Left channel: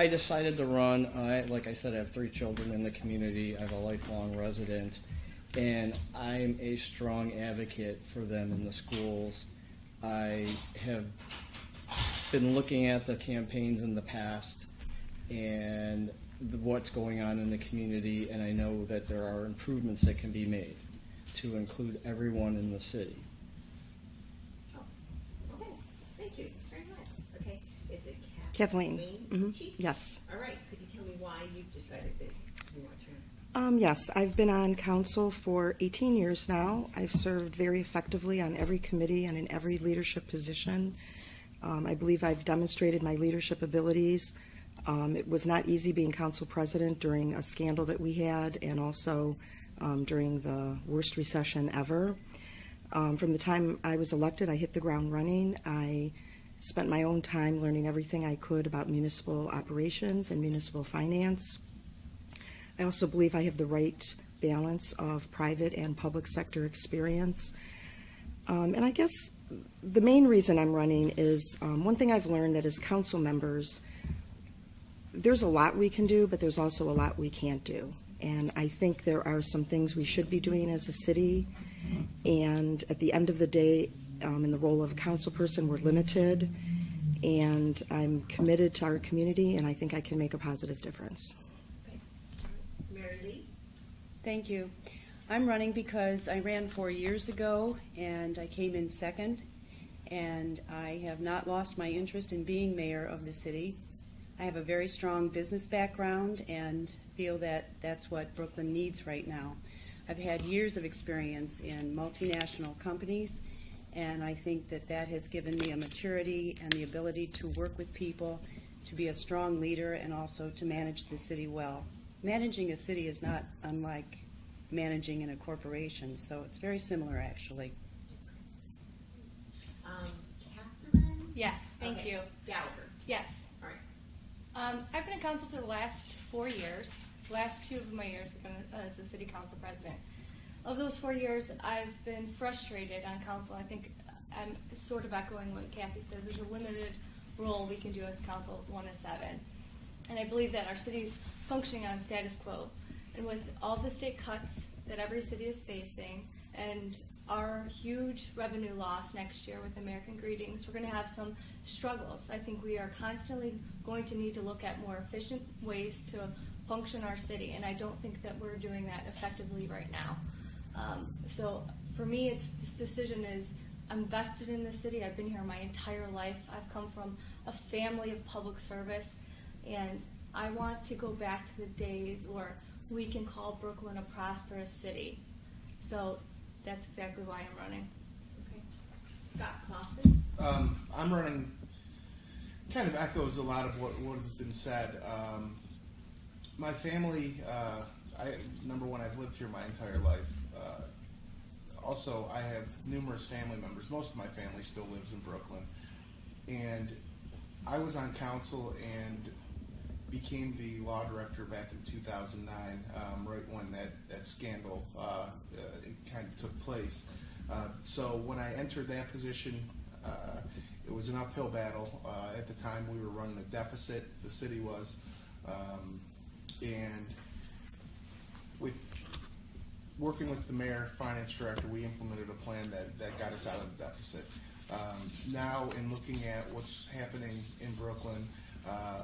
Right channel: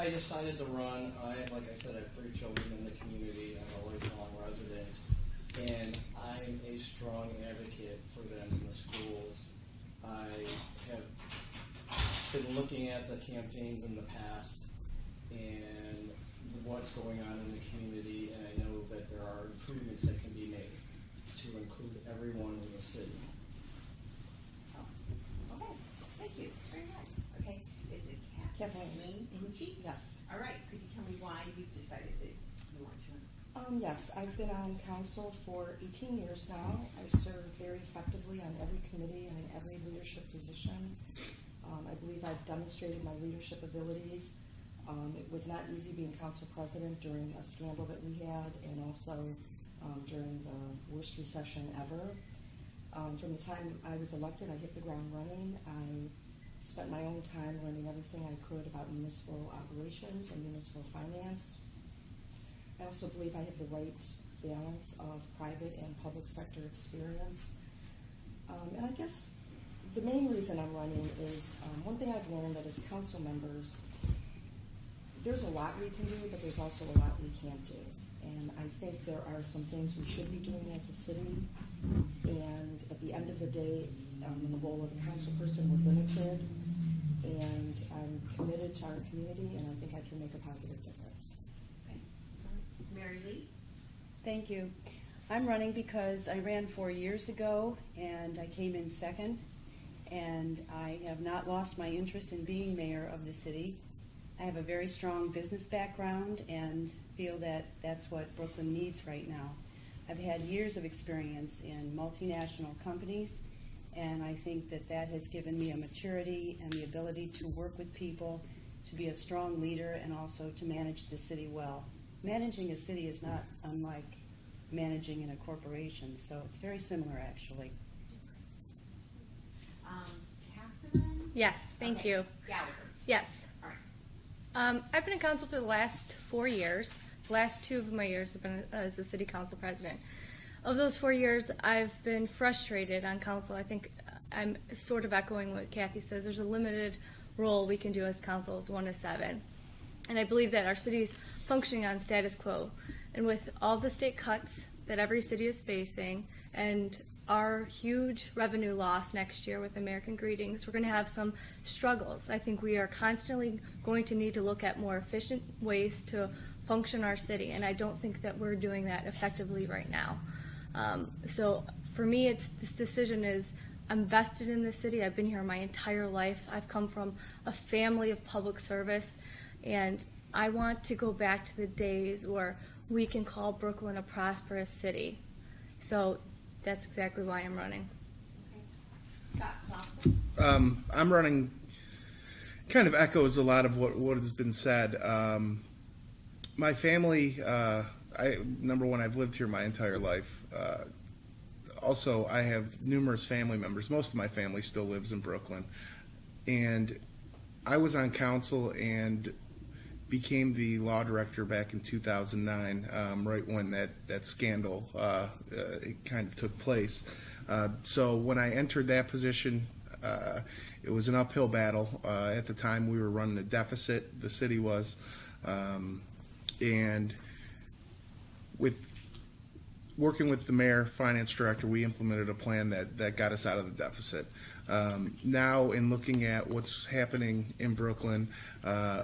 I decided to run. Like I said, I have 3 children in the community. I have a lifelong resident, and I'm a strong advocate for them in the schools. I have been looking at the campaigns in the past and what's going on in the community, and I know that there are improvements that can be made to include everyone in the city. Okay, thank you very much. Okay, is it Kathleen? Mm-hmm. Yes. All right, could you tell me why you decided that you want to run? Yes, I've been on council for 18 years now. I've served very effectively on every committee and in every leadership position. I believe I've demonstrated my leadership abilities. It was not easy being council president during a scandal that we had, and also during the worst recession ever. From the time I was elected, I hit the ground running. I spent my own time learning everything I could about municipal operations and municipal finance. I also believe I have the right balance of private and public sector experience. And I guess the main reason I'm running is one thing I've learned, that as council members, there's a lot we can do, but there's also a lot we can't do. And I think there are some things we should be doing as a city. And at the end of the day, in the role of a council person, we're limited. And I'm committed to our community, and I think I can make a positive difference. Okay. Mary Lee? Thank you. I'm running because I ran 4 years ago, and I came in second. And I have not lost my interest in being mayor of the city. I have a very strong business background and feel that that's what Brooklyn needs right now. I've had years of experience in multinational companies, and I think that that has given me a maturity and the ability to work with people, to be a strong leader, and also to manage the city well. Managing a city is not unlike managing in a corporation, so it's very similar, actually. Catherine? Yes, thank you. Gallagher. Yes. All right. I've been in council for the last 4 years. The last 2 of my years have been as the city council president. Of those 4 years, I've been frustrated on council. I think I'm sort of echoing what Kathy says. There's a limited role we can do as council, as 1 to 7. And I believe that our city is functioning on status quo. And with all the state cuts that every city is facing and our huge revenue loss next year with American Greetings, we're going to have some struggles. I think we are constantly going to need to look at more efficient ways to function our city, and I don't think that we're doing that effectively right now. So for me, this decision is, I'm vested in the city. I've been here my entire life. I've come from a family of public service, and I want to go back to the days where we can call Brooklyn a prosperous city. So that's exactly why I'm running. Okay. Scott Claussen? I'm running, kind of echoes a lot of what has been said. My family, number one, I've lived here my entire life. Also, I have numerous family members. Most of my family still lives in Brooklyn. And I was on council and became the law director back in 2009, right when that scandal it kind of took place. So when I entered that position, it was an uphill battle. At the time, we were running a deficit, the city was, and with working with the mayor, finance director, we implemented a plan that got us out of the deficit. Now, in looking at what's happening in Brooklyn,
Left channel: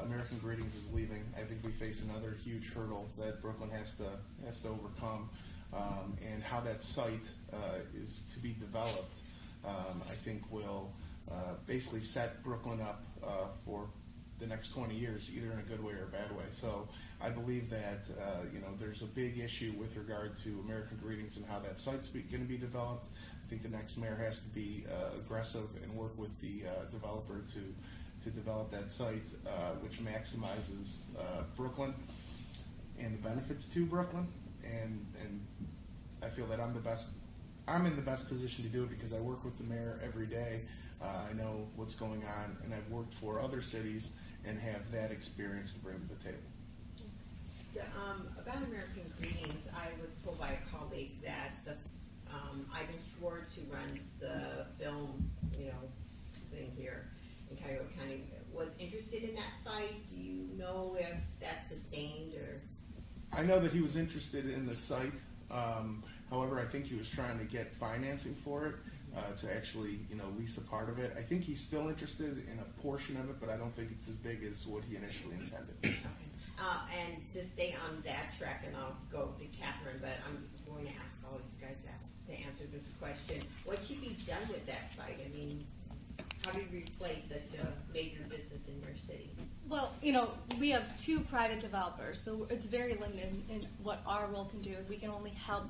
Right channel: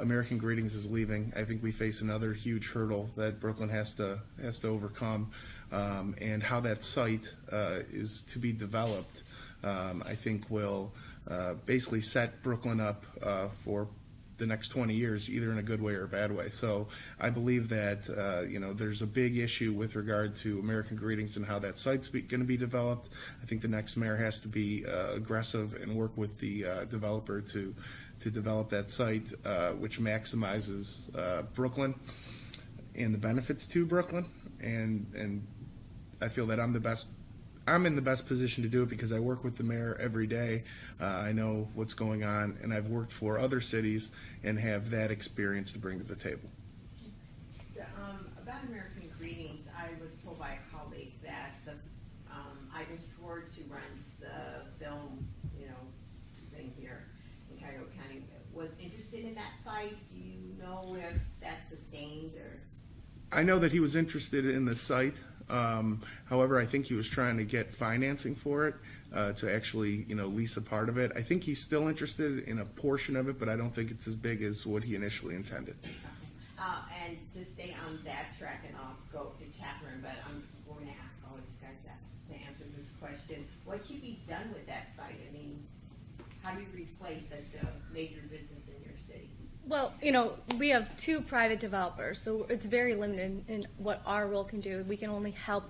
American Greetings is leaving. I think we face another huge hurdle that Brooklyn has to overcome, and how that site is to be developed, I think will basically set Brooklyn up for the next 20 years, either in a good way or a bad way. So I believe that there's a big issue with regard to American Greetings and how that site's going to be developed. I think the next mayor has to be aggressive and work with the developer to develop that site, which maximizes Brooklyn and the benefits to Brooklyn. And I feel that I'm in the best position to do it because I work with the mayor every day. I know what's going on, and I've worked for other cities and have that experience to bring to the table. About American Greetings, I was told by a colleague that Ivan Schwartz, who runs the film, thing here in Cuyahoga County, was interested in that site. Do you know I know that he was interested in the site. However, I think he was trying to get financing for it to actually, lease a part of it. I think he's still interested in a portion of it, but I don't think it's as big as what he initially intended. And to stay on that track, and I'll go to Catherine, but I'm going to ask all of you guys to answer this question. What should be done with that site? I mean, how do you replace such a major business in your city? Well, we have 2 private developers, so it's very limited in what our role can do. We can only help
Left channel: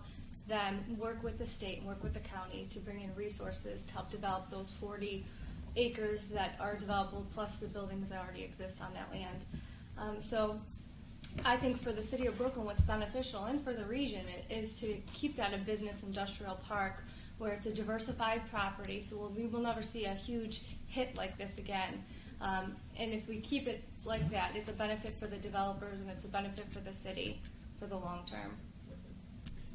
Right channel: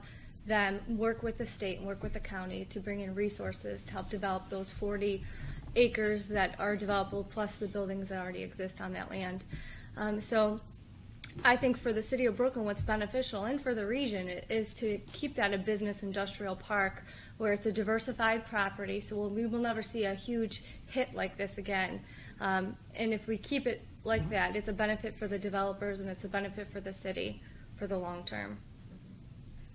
them work with the state and work with the county to bring in resources to help develop those 40 acres that are developable, plus the buildings that already exist on that land. So I think for the city of Brooklyn, what's beneficial, and for the region, is to keep that a business industrial park where it's a diversified property, so we will never see a huge hit like this again. And if we keep it like that, it's a benefit for the developers and it's a benefit for the city for the long term.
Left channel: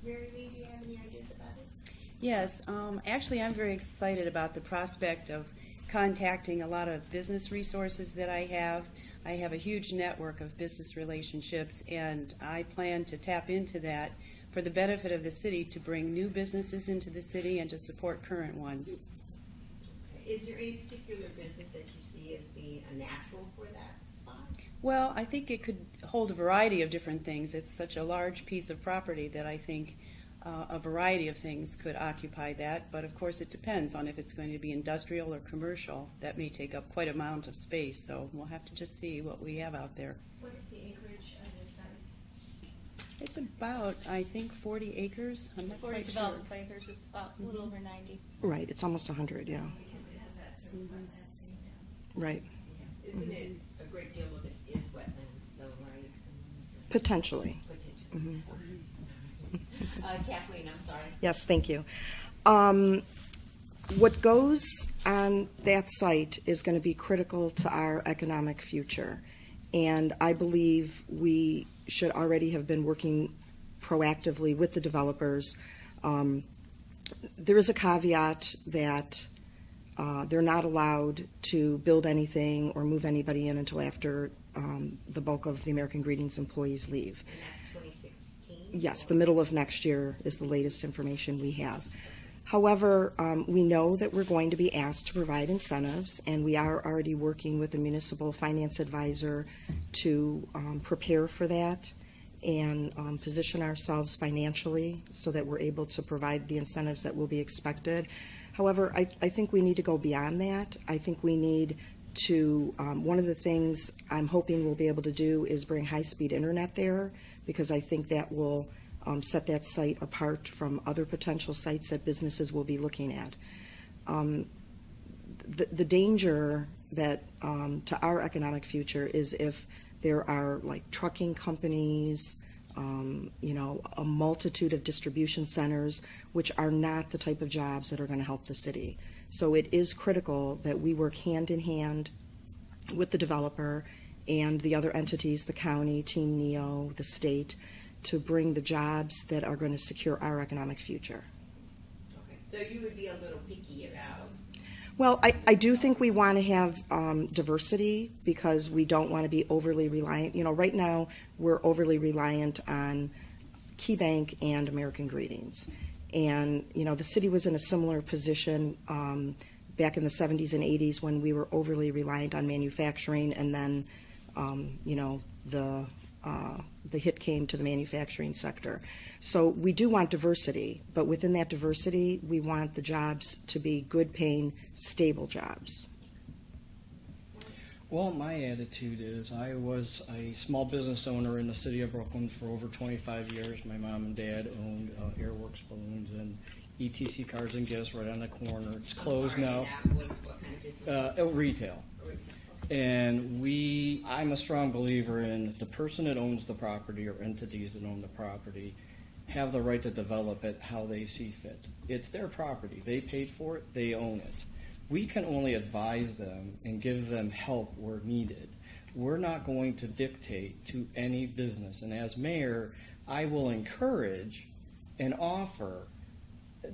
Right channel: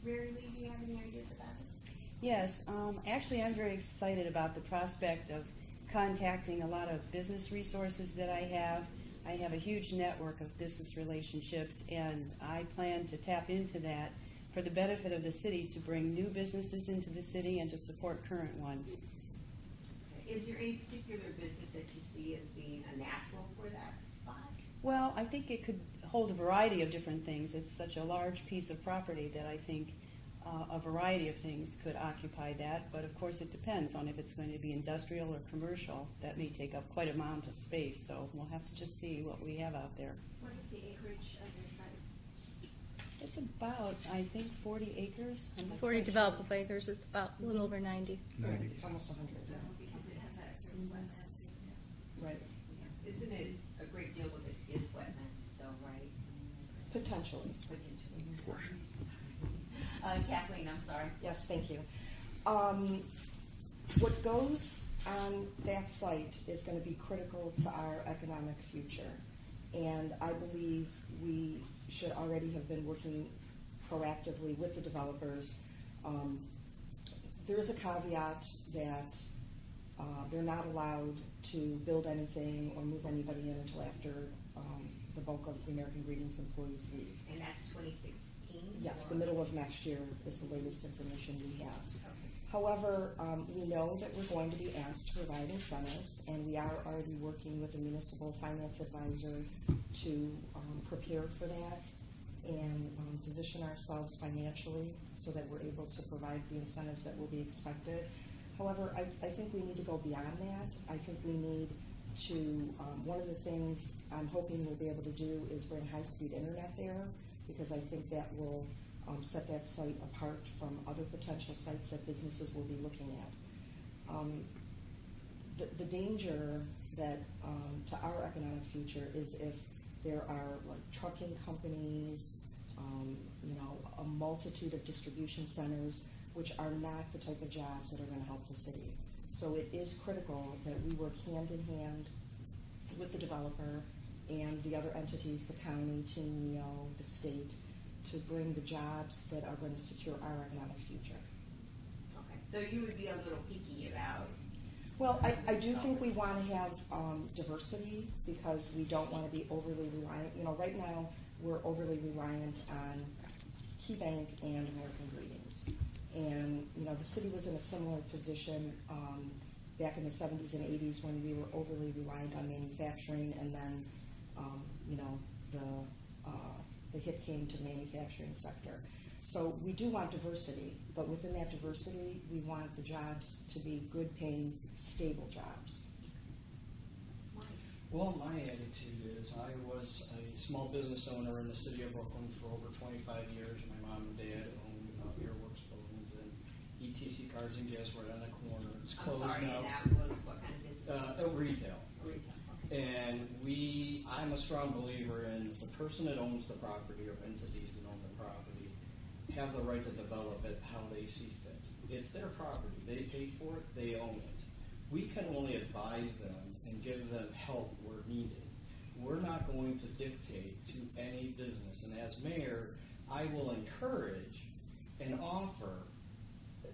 Mary Lee, do you have any ideas about it? Yes, actually I'm very excited about the prospect of contacting a lot of business resources that I have. I have a huge network of business relationships, and I plan to tap into that for the benefit of the city, to bring new businesses into the city and to support current ones. Is there any particular business that you see as being a natural for that spot? Well, I think it could hold a variety of different things. It's such a large piece of property that I think a variety of things could occupy that, but of course it depends on if it's going to be industrial or commercial. That may take up quite an amount of space, so we'll have to just see what we have out there. What is the acreage of your site? It's about, I think, 40 acres. I'm not 40 quite sure. developable acres, it's about a little over 90. Right, it's almost 100, yeah. Because it has that sort of wetlands thing down. Right, Isn't it a great deal of it is wetlands though, right? potentially. Potentially. Kathleen, I'm sorry. Yes, thank you. What goes on that site is going to be critical to our economic future. And I believe we should already have been working proactively with the developers. There is a caveat that they're not allowed to build anything or move anybody in until after the bulk of the American Greetings employees leave. And that's 2016? Yes, the middle of next year is the latest information we have. However, we know that we're going to be asked to provide incentives, and we are already working with a municipal finance advisor to prepare for that and position ourselves financially so that we're able to provide the incentives that will be expected. However, I think we need to go beyond that. I think we need to, one of the things I'm hoping we'll be able to do is bring high-speed internet there, because I think that will set that site apart from other potential sites that businesses will be looking at. The danger that to our economic future is if there are like trucking companies, a multitude of distribution centers, which are not the type of jobs that are going to help the city. So it is critical that we work hand in hand with the developer and the other entities, the county, Team NEO, the state, to bring the jobs that are going to secure our economic future. Okay, so you would be a little picky about... Well, I do think we want to have diversity, because we don't want to be overly reliant. Right now we're overly reliant on Key Bank and American Greetings. And, the city was in a similar position back in the 70s and 80s when we were overly reliant on manufacturing, and then, the hit came to the manufacturing sector. So we do want diversity, but within that diversity, we want the jobs to be good paying, stable jobs. Well, my attitude is I was a small business owner in the city of Brooklyn for over 25 years. My mom and dad owned Airworks Balloons and ETC Cars and Gifts right on the corner. It's closed now. What kind of business? Retail. And I'm a strong believer in the person that owns the property or entities that own the property have the right to develop it how they see fit. It's their property. They paid for it. They own it. We can only advise them and give them help where needed. We're not going to dictate to any business. And as mayor, I will encourage and offer.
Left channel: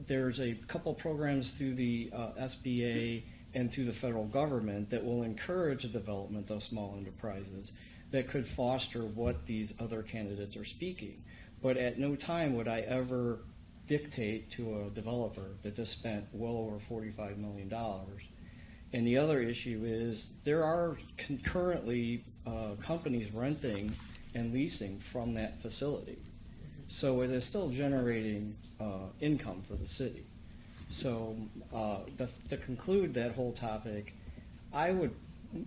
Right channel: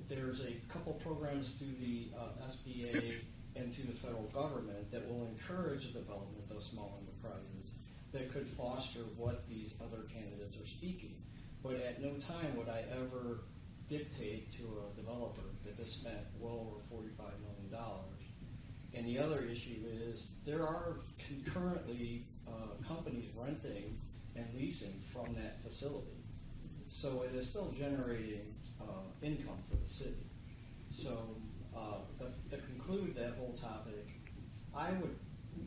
There's a couple programs through the SBA and through the federal government that will encourage the development of small enterprises. that could foster what these other candidates are speaking. But at no time would I ever dictate to a developer that just spent well over $45 million. And the other issue is there are concurrently companies renting and leasing from that facility. So it is still generating income for the city. So to conclude that whole topic, I would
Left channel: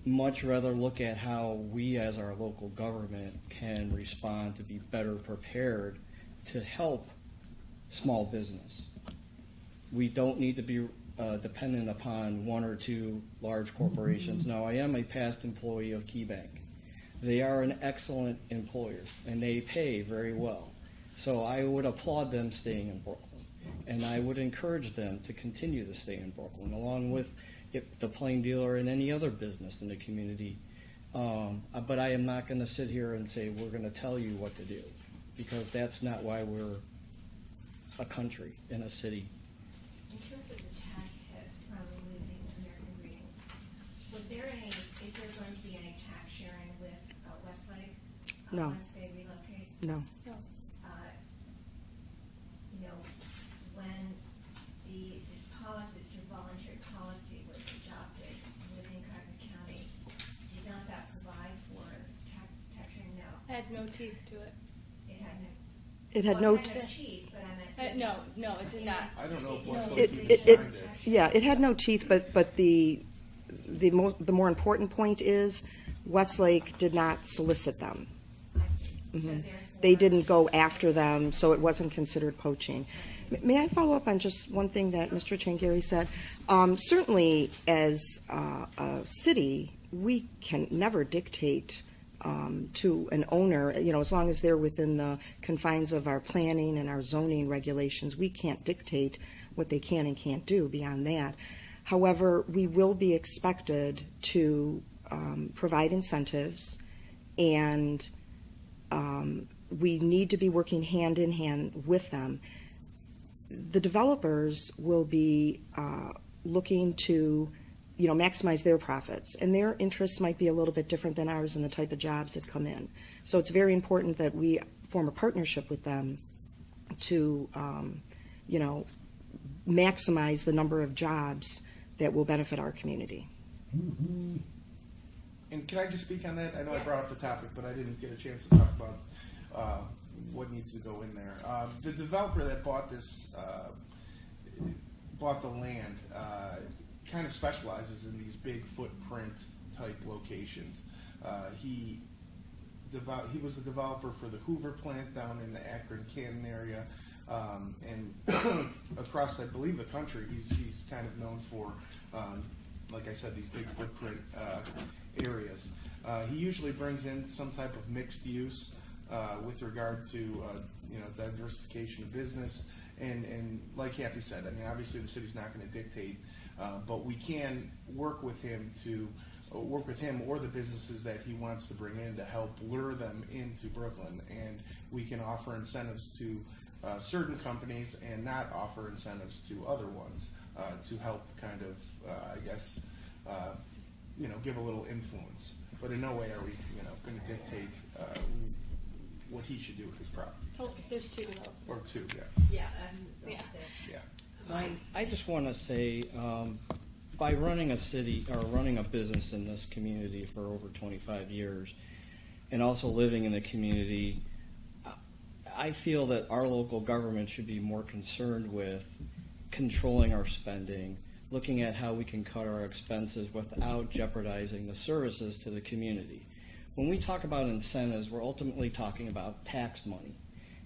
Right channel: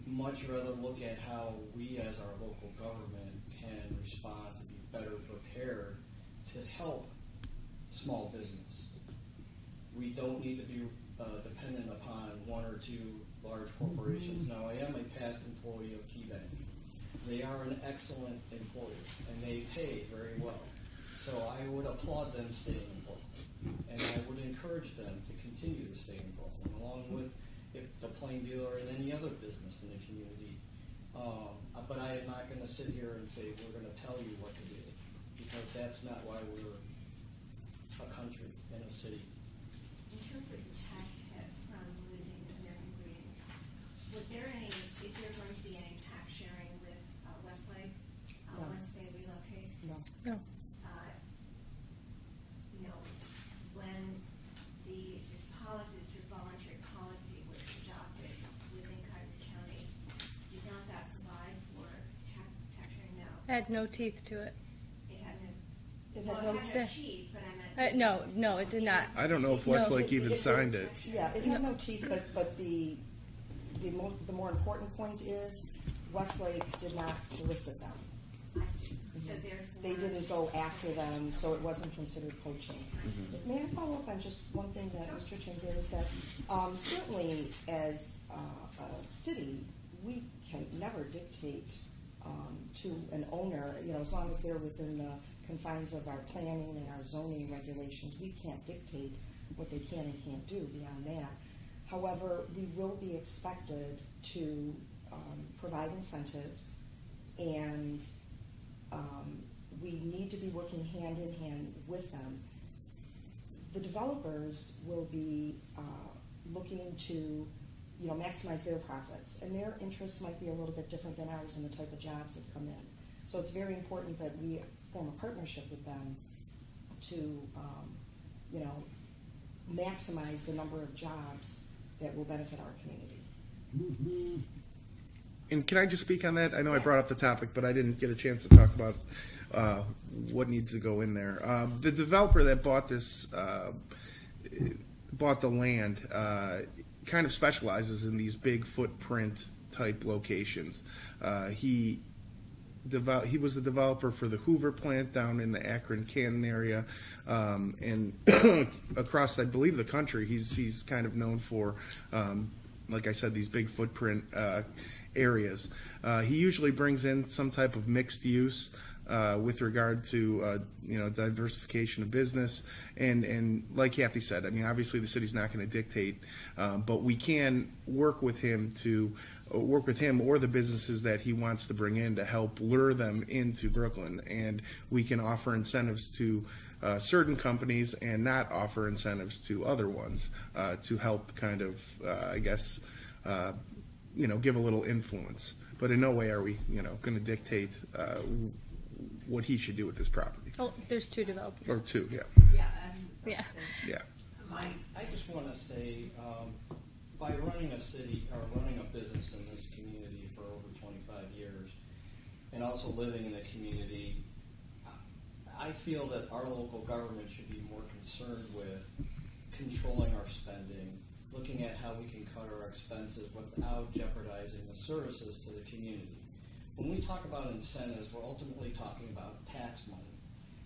much rather look at how we as our local government can respond to be better prepared to help small business. We don't need to be dependent upon one or two large corporations. Now, I am a past employee of KeyBank. They are an excellent employer, and they pay very well. So I would applaud them staying in Brooklyn, and I would encourage them to continue to stay in Brooklyn, along with the Plain Dealer and any other business in the community. But I am not going to sit here and say we're going to tell you what to do, because that's not why we're a country and a city. In terms of the tax hit from losing American Greetings, is there going to be any tax sharing with Westlake No. once they relocate? No. No. When this policy, this voluntary policy was adopted within Carter County, did not that provide for tax sharing? No. Had no teeth to it. It had no teeth, but I meant. No, it did not. I don't know if No. Westlake even signed it. Yeah, it had no teeth, but the more important point is Westlake did not solicit them. I see. So Mhm. therefore. They didn't go after them, so it wasn't considered poaching. May I follow up on just one thing that Mr. Changeri said? Certainly, as a city, we can never dictate to an owner, as long as they're within the confines of our planning and our zoning regulations, we can't dictate what they can and can't do beyond that. However, we will be expected to provide incentives, and we need to be working hand in hand with them. The developers will be looking to maximize their profits, and their interests might be a little bit different than ours in the type of jobs that come in. So it's very important that we form a partnership with them to, maximize the number of jobs that will benefit our community. And can I just speak on that? I know I brought up the topic, but I didn't get a chance to talk about what needs to go in there. The developer that bought the land kind of specializes in these big footprint type locations. He was the developer for the Hoover plant down in the Akron, Canton area, and across, I believe, the country. He's kind of known for, like I said, these big footprint areas. He usually brings in some type of mixed use with regard to diversification of business, and like Kathy said, I mean, obviously the city's not going to dictate, but we can work with him or the businesses that he wants to bring in to help lure them into Brooklyn, and we can offer incentives to certain companies and not offer incentives to other ones to help kind of, give a little influence. But in no way are we, going to dictate what he should do with his property. Oh, there's two developers. Or two, yeah. Yeah. Yeah. Yeah. I just want to say, by running a city or running a business in this community for over 25 years, and also living in the community, I feel that our local government should be more concerned with controlling our spending, looking at how we can cut our expenses without jeopardizing the services to the community. When we talk about incentives, we're ultimately talking about tax money.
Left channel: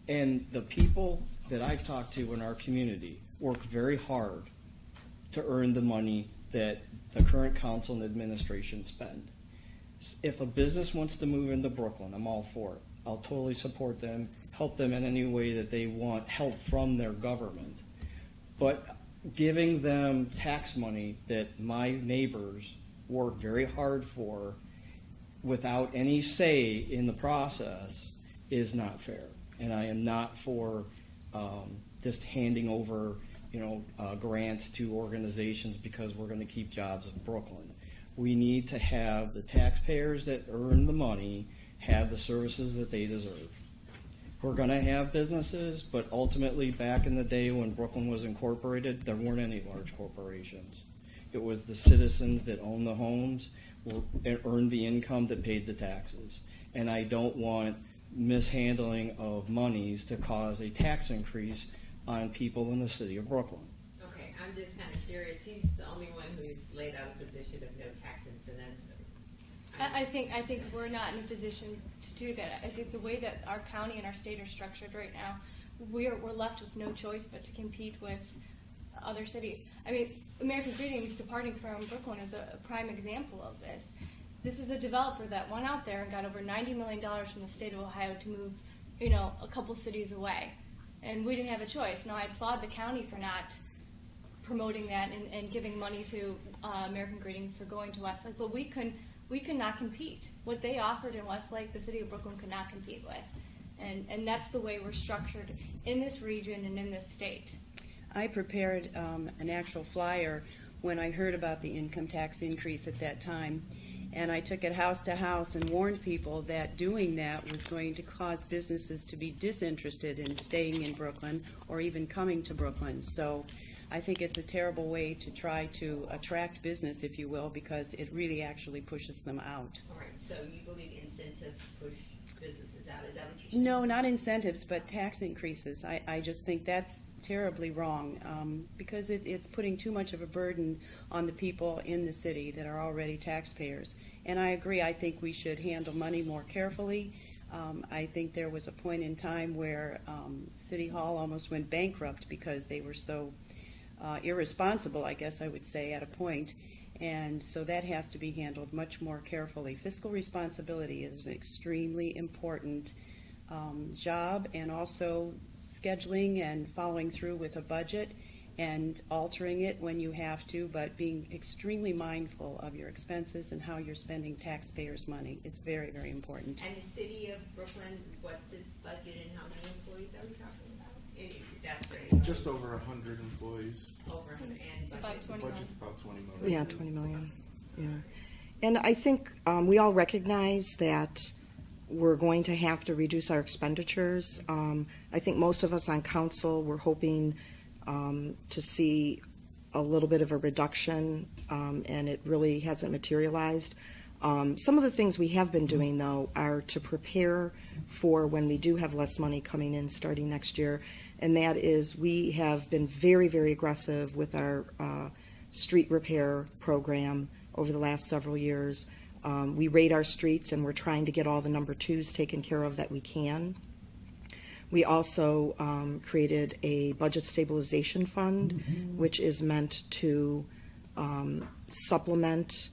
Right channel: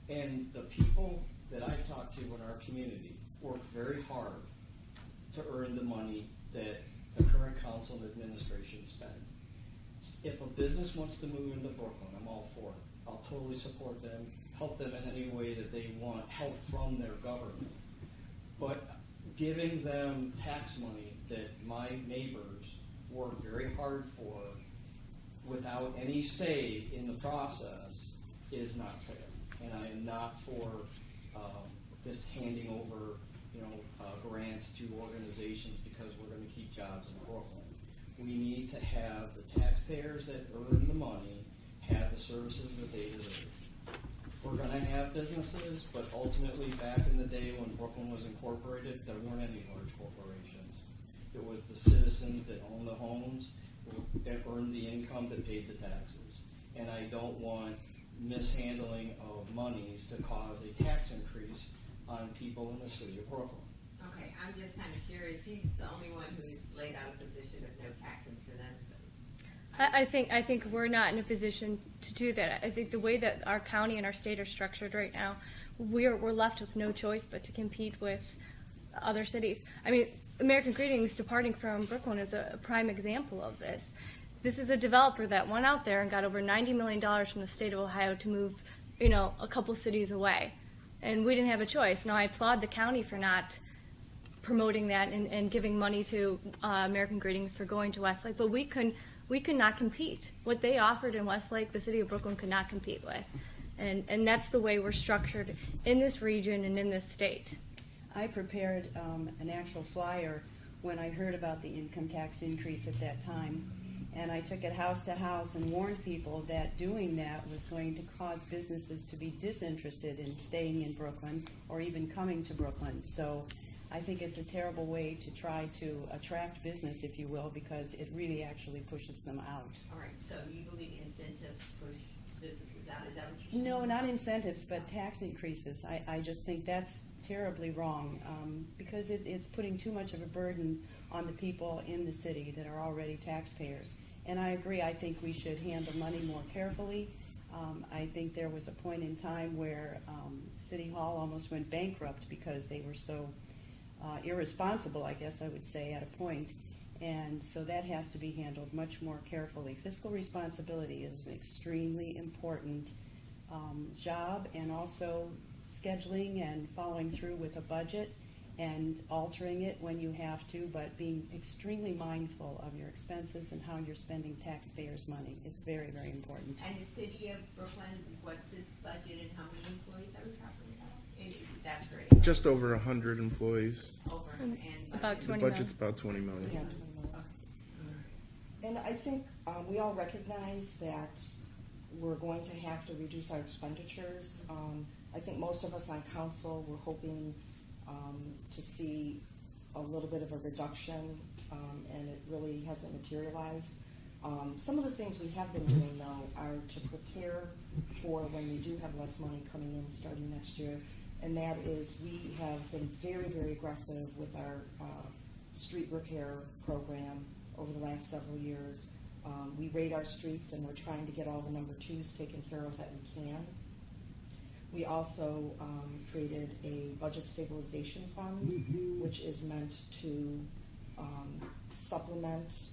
And the people that I've talked to in our community work very hard to earn the money that the current council and administration spend. If a business wants to move into Brooklyn, I'm all for it. I'll totally support them, help them in any way that they want help from their government. But giving them tax money that my neighbors work very hard for without any say in the process is not fair. And I am not for just handing over grants to organizations because we're going to keep jobs in Brooklyn. We need to have the taxpayers that earn the money have the services that they deserve. We're going to have businesses, but ultimately, back in the day when Brooklyn was incorporated, there weren't any large corporations. It was the citizens that owned the homes and earned the income that paid the taxes. And I don't want mishandling of monies to cause a tax increase on people in the city of Brooklyn. Okay, I'm just kind of curious. He's the only one who's laid out a position of no tax incentives. I think we're not in a position to do that. I think the way that our county and our state are structured right now, we're left with no choice but to compete with other cities. I mean, American Greetings departing from Brooklyn is a prime example of this. This is a developer that went out there and got over $90 million from the state of Ohio to move, a couple cities away. And we didn't have a choice. Now, I applaud the county for not promoting that and giving money to American Greetings for going to Westlake, but we could not compete. What they offered in Westlake, the city of Brooklyn could not compete with. And that's the way we're structured in this region and in this state. I prepared an actual flyer when I heard about the income tax increase at that time, and I took it house to house and warned people that doing that was going to cause businesses to be disinterested in staying in Brooklyn or even coming to Brooklyn. So I think it's a terrible way to try to attract business, if you will, because it really actually pushes them out. All right, so you believe incentives push businesses out? Is that what you're saying? No, not incentives, but tax increases. I just think that's terribly wrong because it's putting too much of a burden on the people in the city that are already taxpayers. And I agree, I think we should handle money more carefully. I think there was a point in time where City Hall almost went bankrupt because they were so irresponsible, I guess I would say, at a point. And so that has to be handled much more carefully. Fiscal responsibility is an extremely important job, and also scheduling and following through with a budget and altering it when you have to, but being extremely mindful of your expenses and how you're spending taxpayers' money is very, very important. And the city of Brooklyn, what's its budget and how many employees are we talking about? That's great. Just over 100 employees. Over and About The 20 budget's million. about 20 million. Yeah, 20 million. Yeah. And I think we all recognize that we're going to have to reduce our expenditures. I think most of us on council were hoping to see a little bit of a reduction, and it really hasn't materialized. Some of the things we have been doing, though, are to prepare for when we do have less money coming in starting next year, and that is we have been very, very aggressive with our street repair program over the last several years. We rate our streets, and we're trying to get all the number 2s taken care of that we can. We also created a budget stabilization fund, which is meant to supplement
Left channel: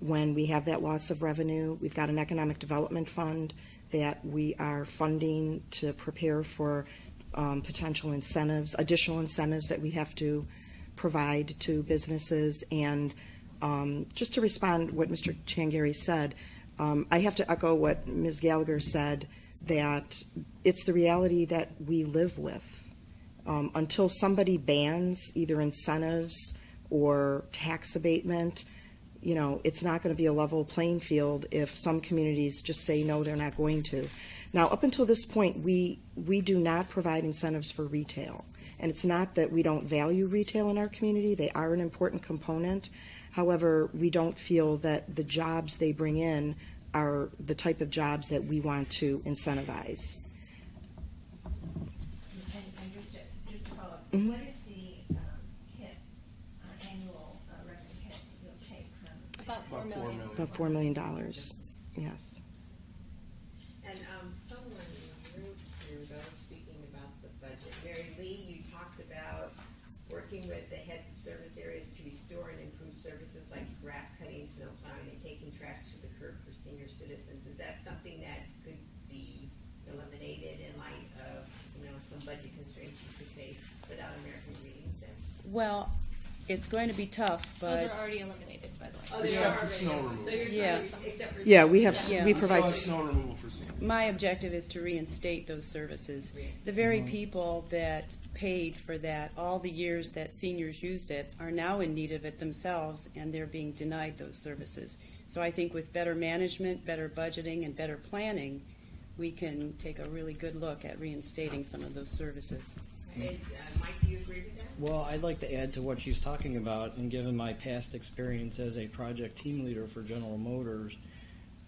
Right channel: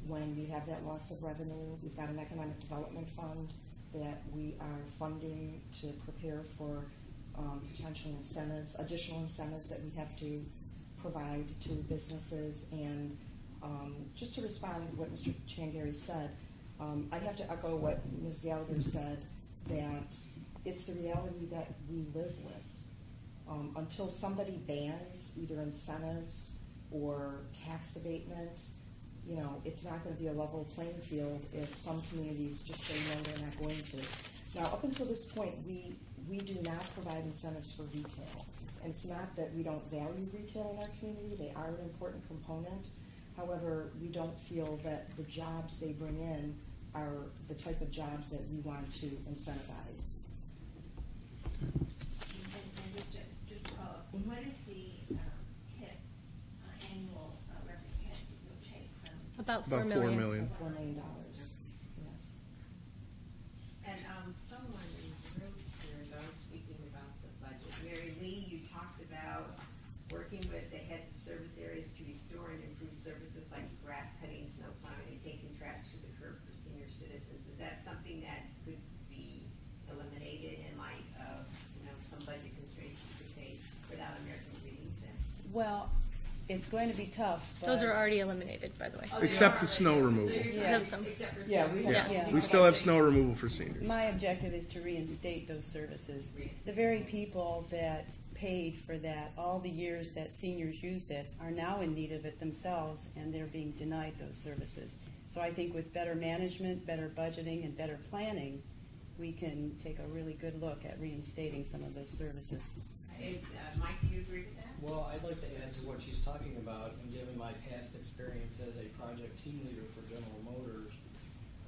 when we have that loss of revenue. We've got an economic development fund that we are funding to prepare for potential incentives, additional incentives that we have to provide to businesses. And just to respond to what Mr. Changeri said, I have to echo what Ms. Gallagher said, that it's the reality that we live with. Until somebody bans either incentives or tax abatement, it's not going to be a level playing field if some communities just say no, they're not going to. Now, up until this point, we do not provide incentives for retail. And it's not that we don't value retail in our community. They are an important component. However, we don't feel that the jobs they bring in are the type of jobs that we want to incentivize. And just to follow up, Mhm. what is the hit, annual revenue hit that you'll take from? About About 4 4 million. million. About $4 million, yes. And someone in the group here that I was speaking about the budget. Mary Lee, you talked about working with the heads of service areas to restore and improve services like grass cutting, snow plowing, and taking trash to the curb for senior citizens. Is that something that could be eliminated in light of, some budget constraints you could face without American Greetings Day? Well, It's going to be tough, but Those are already eliminated, by the way. Except the snow removal. Yeah. Yeah, we have, Yeah. we We still provide, have snow removal for seniors. my objective is to reinstate those services. The very people that paid for that all the years that seniors used it are now in need of it themselves, and they're being denied those services. So I think with better management, better budgeting, and better planning, we can take a really good look at reinstating some of those services. Mike, do you agree with that? Well, I'd like to add to what she's talking about, and given my past experience as a project team leader for General Motors,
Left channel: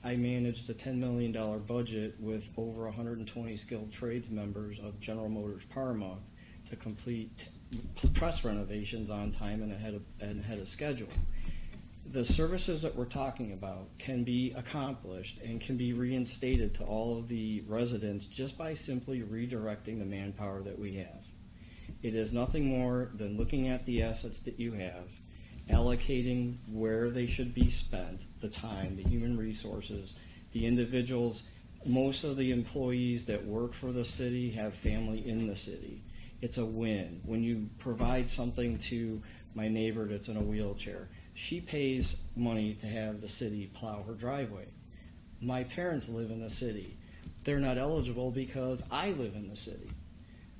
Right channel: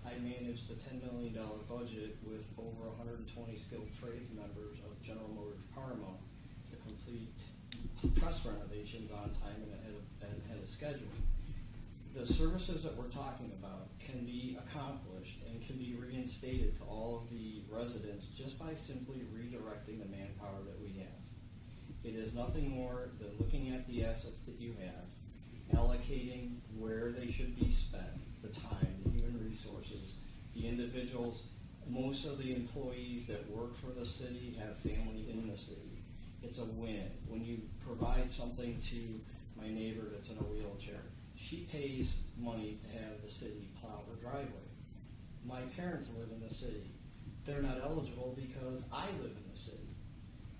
I managed a $10 million budget with over 120 skilled trades members of General Motors Parma to complete press renovations on time and ahead of schedule. The services that we're talking about can be accomplished and can be reinstated to all of the residents just by simply redirecting the manpower that we have. It is nothing more than looking at the assets that you have, allocating where they should be spent, the time, the human resources, the individuals. Most of the employees that work for the city have family in the city. It's a win. When you provide something to my neighbor that's in a wheelchair, she pays money to have the city plow her driveway. My parents live in the city. They're not eligible because I live in the city.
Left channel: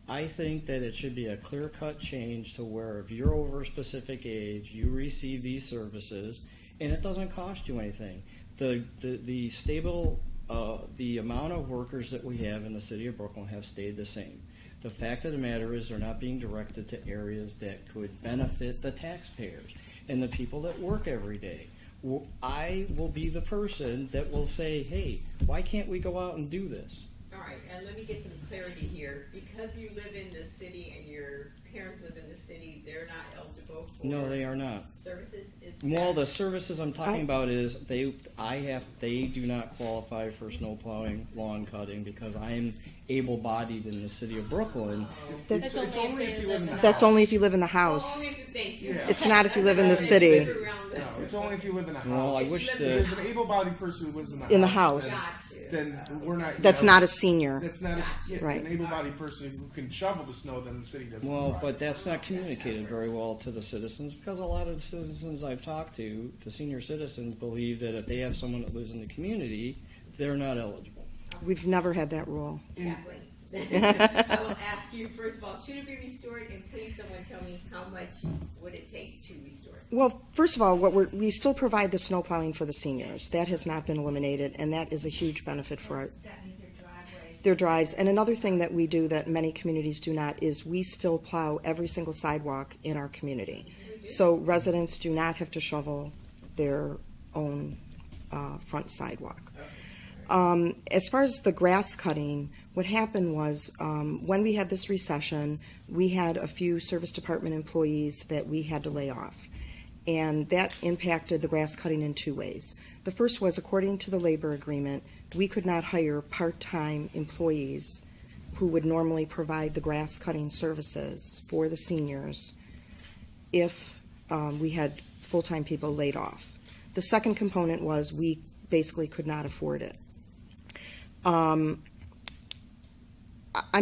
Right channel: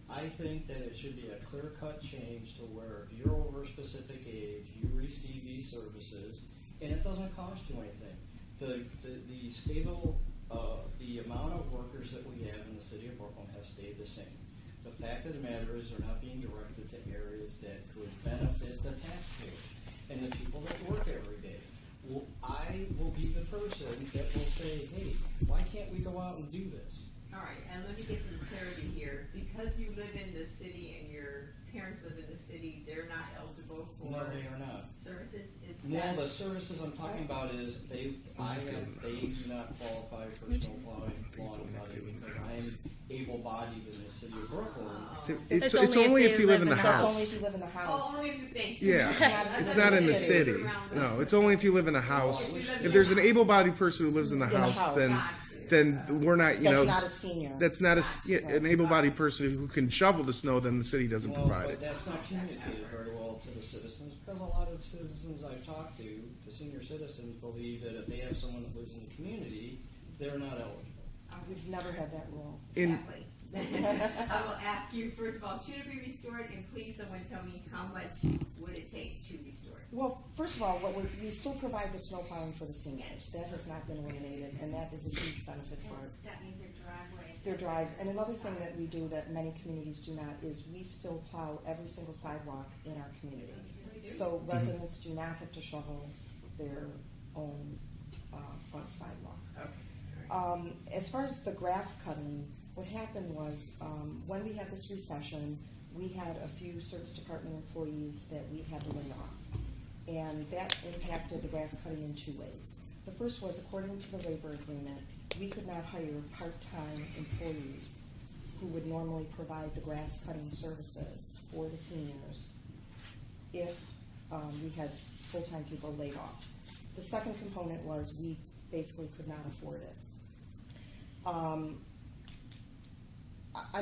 I think that it should be a clear-cut change to where if you're over a specific age, you receive these services, and it doesn't cost you anything. The stable, the amount of workers that we have in the city of Brooklyn have stayed the same. The fact of the matter is they're not being directed to areas that could benefit the taxpayers and the people that work every day. I will be the person that will say, hey, why can't we go out and do this? All right, and let me get some clarity here. Because you live in the city and your parents live in the city, they're not eligible for No, they are not. services? Is Well, that- the services I'm talking about is they do not qualify for snow plowing, lawn cutting, because I am able-bodied in the city of Brooklyn. It's That's only if you live in the house. that's only if you live in the house. Only if you think. Yeah. It's not if you live It's in the not city. No, it's only if you live in the Well, house. I wish If that- there's an able-bodied person who lives in the house, then we're not. That's not a senior. That's not Right. an able-bodied person who can shovel the snow. Then the city doesn't Well, provide but it. that's not communicated very well to the citizens, because a lot of the citizens I've talked to, the senior citizens, believe that if they have someone that lives in the community, they're not eligible. We've never had that rule. Exactly. I will ask you, first of all, should it be restored? And please, someone tell me how much would it take to restore it? Well, first of all, we still provide the snow plowing for the seniors. That has not been eliminated, and that is a huge benefit for That means their driveways. their drives. And another thing that we do that many communities do not is we still plow every single sidewalk in our community. So residents do not have to shovel their own front sidewalk. As far as the grass cutting, what happened was when we had this recession, we had a few service department employees that we had to lay off. And that impacted the grass cutting in two ways. The first was, according to the labor agreement, we could not hire part-time employees who would normally provide the grass cutting services for the seniors if we had full-time people laid off. The second component was we basically could not afford it. I'm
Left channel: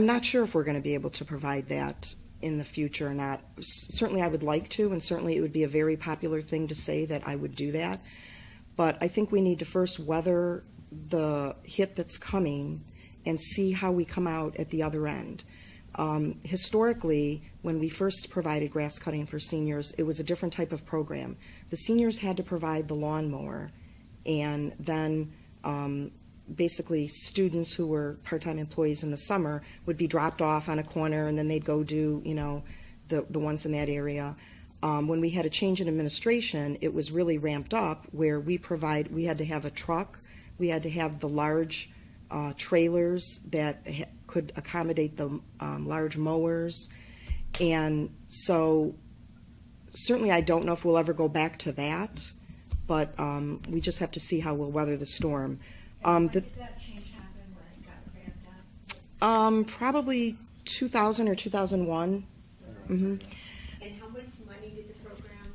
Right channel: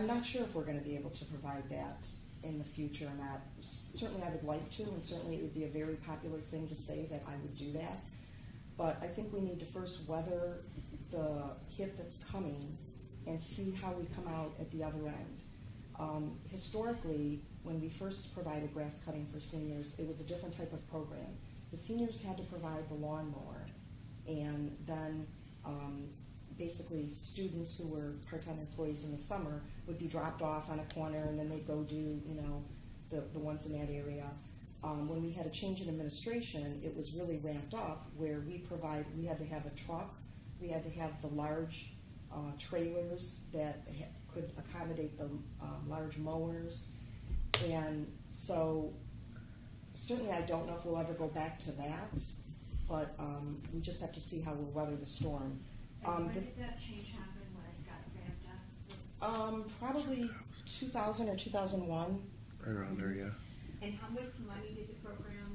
not sure if we're going to be able to provide that in the future or not. Certainly I would like to, and certainly it would be a very popular thing to say that I would do that. But I think we need to first weather the hit that's coming and see how we come out at the other end. Historically, when we first provided grass cutting for seniors, it was a different type of program. The seniors had to provide the lawnmower, and then basically students who were part-time employees in the summer would be dropped off on a corner, and then they'd go do, the ones in that area. When we had a change in administration, it was really ramped up where we had to have a truck, we had to have the large trailers that could accommodate the large mowers. And so certainly I don't know if we'll ever go back to that, but we just have to see how we'll weather the storm. When did that change happen when it got ramped up? Probably 2000 or 2001. Around there, yeah. And how much money did the program,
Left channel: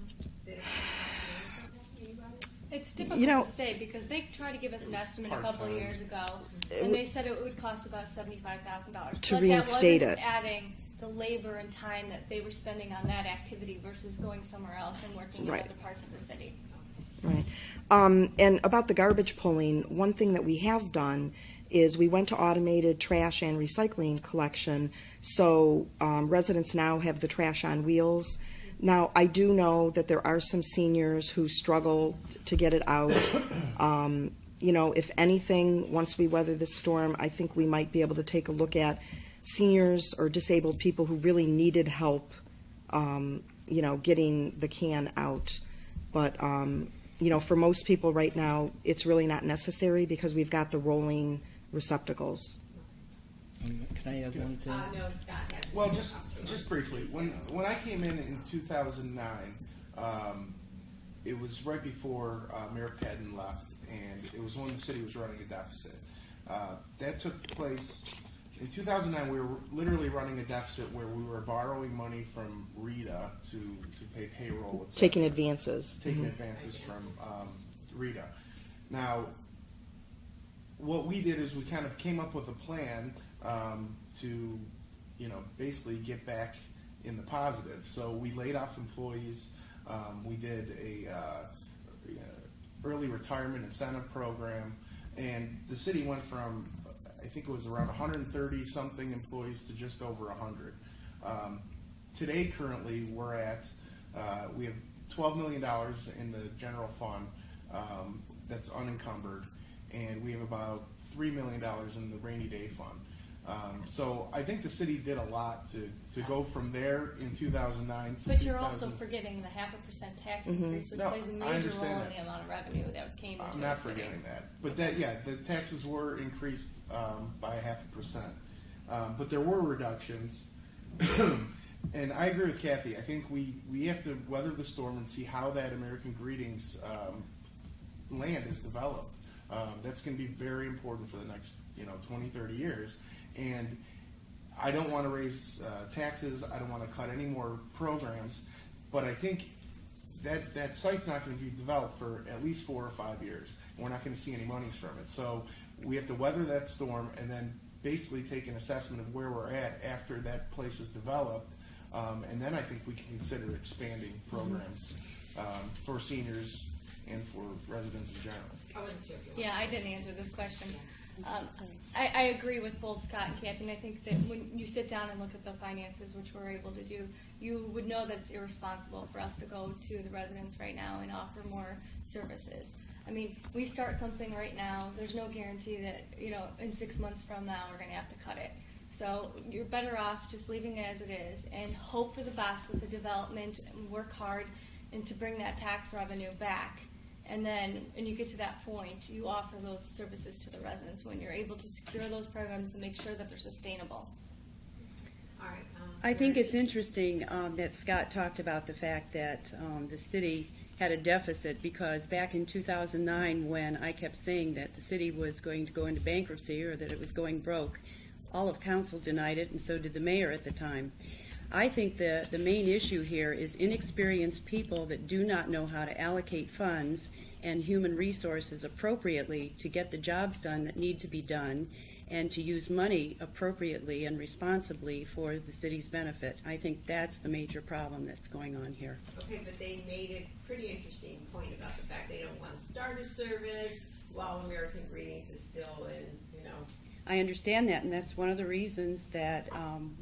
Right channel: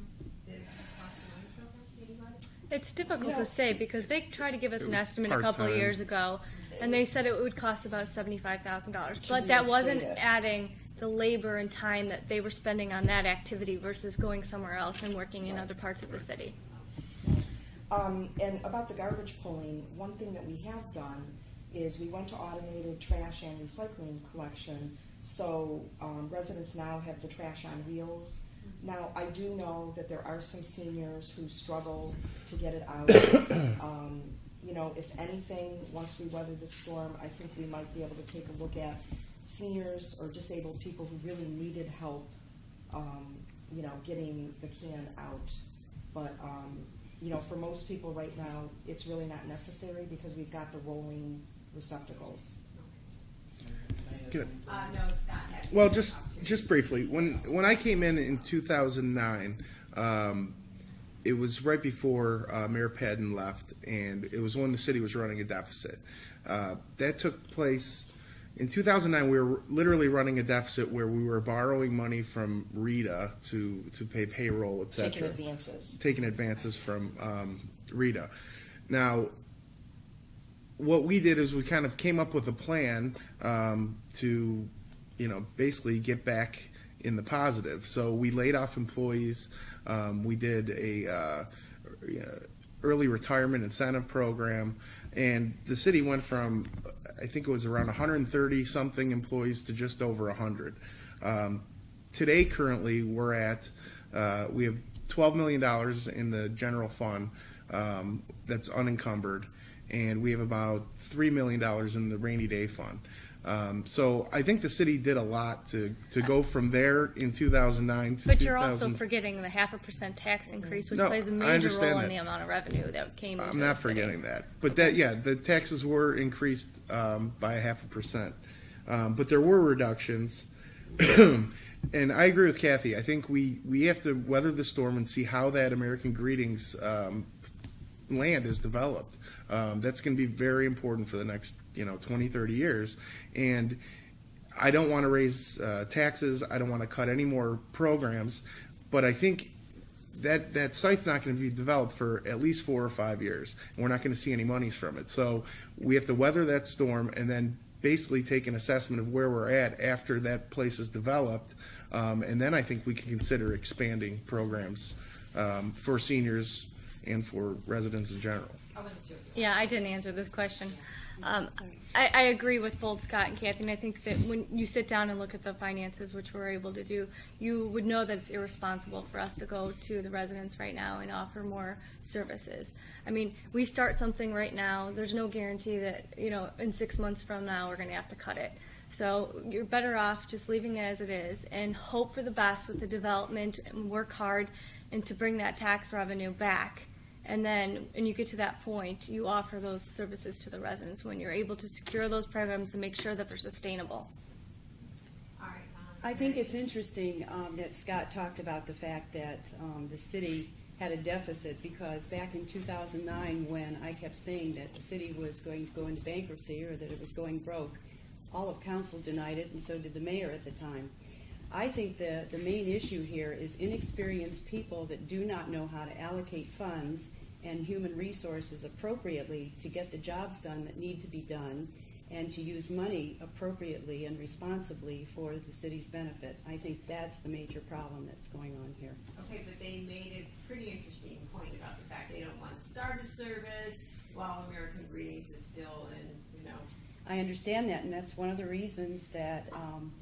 anybody? It's difficult to say because they tried to give us It an was estimate a couple of part-time. years ago, and they said it would cost about $75,000. To But that reinstate wasn't it. adding the labor and time that they were spending on that activity versus going somewhere else and working in Right. other parts of the city. Right. And about the garbage pulling, one thing that we have done is we went to automated trash and recycling collection, so residents now have the trash on wheels. Now, I do know that there are some seniors who struggle to get it out. You know, if anything, once we weather this storm, I think we might be able to take a look at seniors or disabled people who really needed help, you know, getting the can out. But, you know, for most people right now, it's really not necessary because we've got the rolling receptacles. Can I add one thing? No, Scott has. Well, just briefly, when I came in 2009, it was right before Mayor Padden left, and it was when the city was running a deficit. That took place in 2009. We were literally running a deficit where we were borrowing money from RETA to pay payroll, etc. Taking advances. Taking advances from RETA. Now, what we did is we kind of came up with a plan to, you know, basically get back in the positive. So we laid off employees. We did a early retirement incentive program, and the city went from, I think it was around 130 something employees to just over 100. Today, currently, we're at we have $12 million in the general fund that's unencumbered, and we have about $3 million in the rainy day fund. So I think the city did a lot to go from there in 2009 to But you're also forgetting the 0.5% tax increase, which No, plays a I major understand role in that. the amount of revenue that came into I'm the not city. forgetting that. But that, yeah, the taxes were increased by 0.5%. But there were reductions. And I agree with Kathy. I think we have to weather the storm and see how that American Greetings land is developed. That's going to be very important for the next 20, 30 years. And I don't want to raise taxes. I don't want to cut any more programs. But I think that site's not going to be developed for at least 4 or 5 years. And we're not going to see any monies from it. So we have to weather that storm and then basically take an assessment of where we're at after that place is developed. And then I think we can consider expanding programs for seniors and for residents in general. Yeah, I didn't answer this question. Sorry. I agree with both Scott and Kathy, and I think that when you sit down and look at the finances, which we're able to do, you would know that it's irresponsible for us to go to the residents right now and offer more services. I mean, we start something right now, there's no guarantee that, in 6 months from now, we're going to have to cut it. So you're better off just leaving it as it is and hope for the best with the development and work hard and to bring that tax revenue back. And then when you get to that point, you offer those services to the residents when you're able to secure those programs and make sure that they're sustainable. All right. I think it's interesting that Scott talked about the fact that the city had a deficit, because back in 2009, when I kept saying that the city was going to go into bankruptcy or that it was going broke, all of council denied it, and so did the mayor at the time. I think the main issue here is inexperienced people that do not know how to allocate funds and human resources appropriately to get the jobs done that need to be done and to use money appropriately and responsibly for the city's benefit. I think that's the major problem that's going on here. Okay, but they made a pretty interesting point about the fact they don't want to start a service while American Greetings is still in, I understand that, and that's one of the reasons that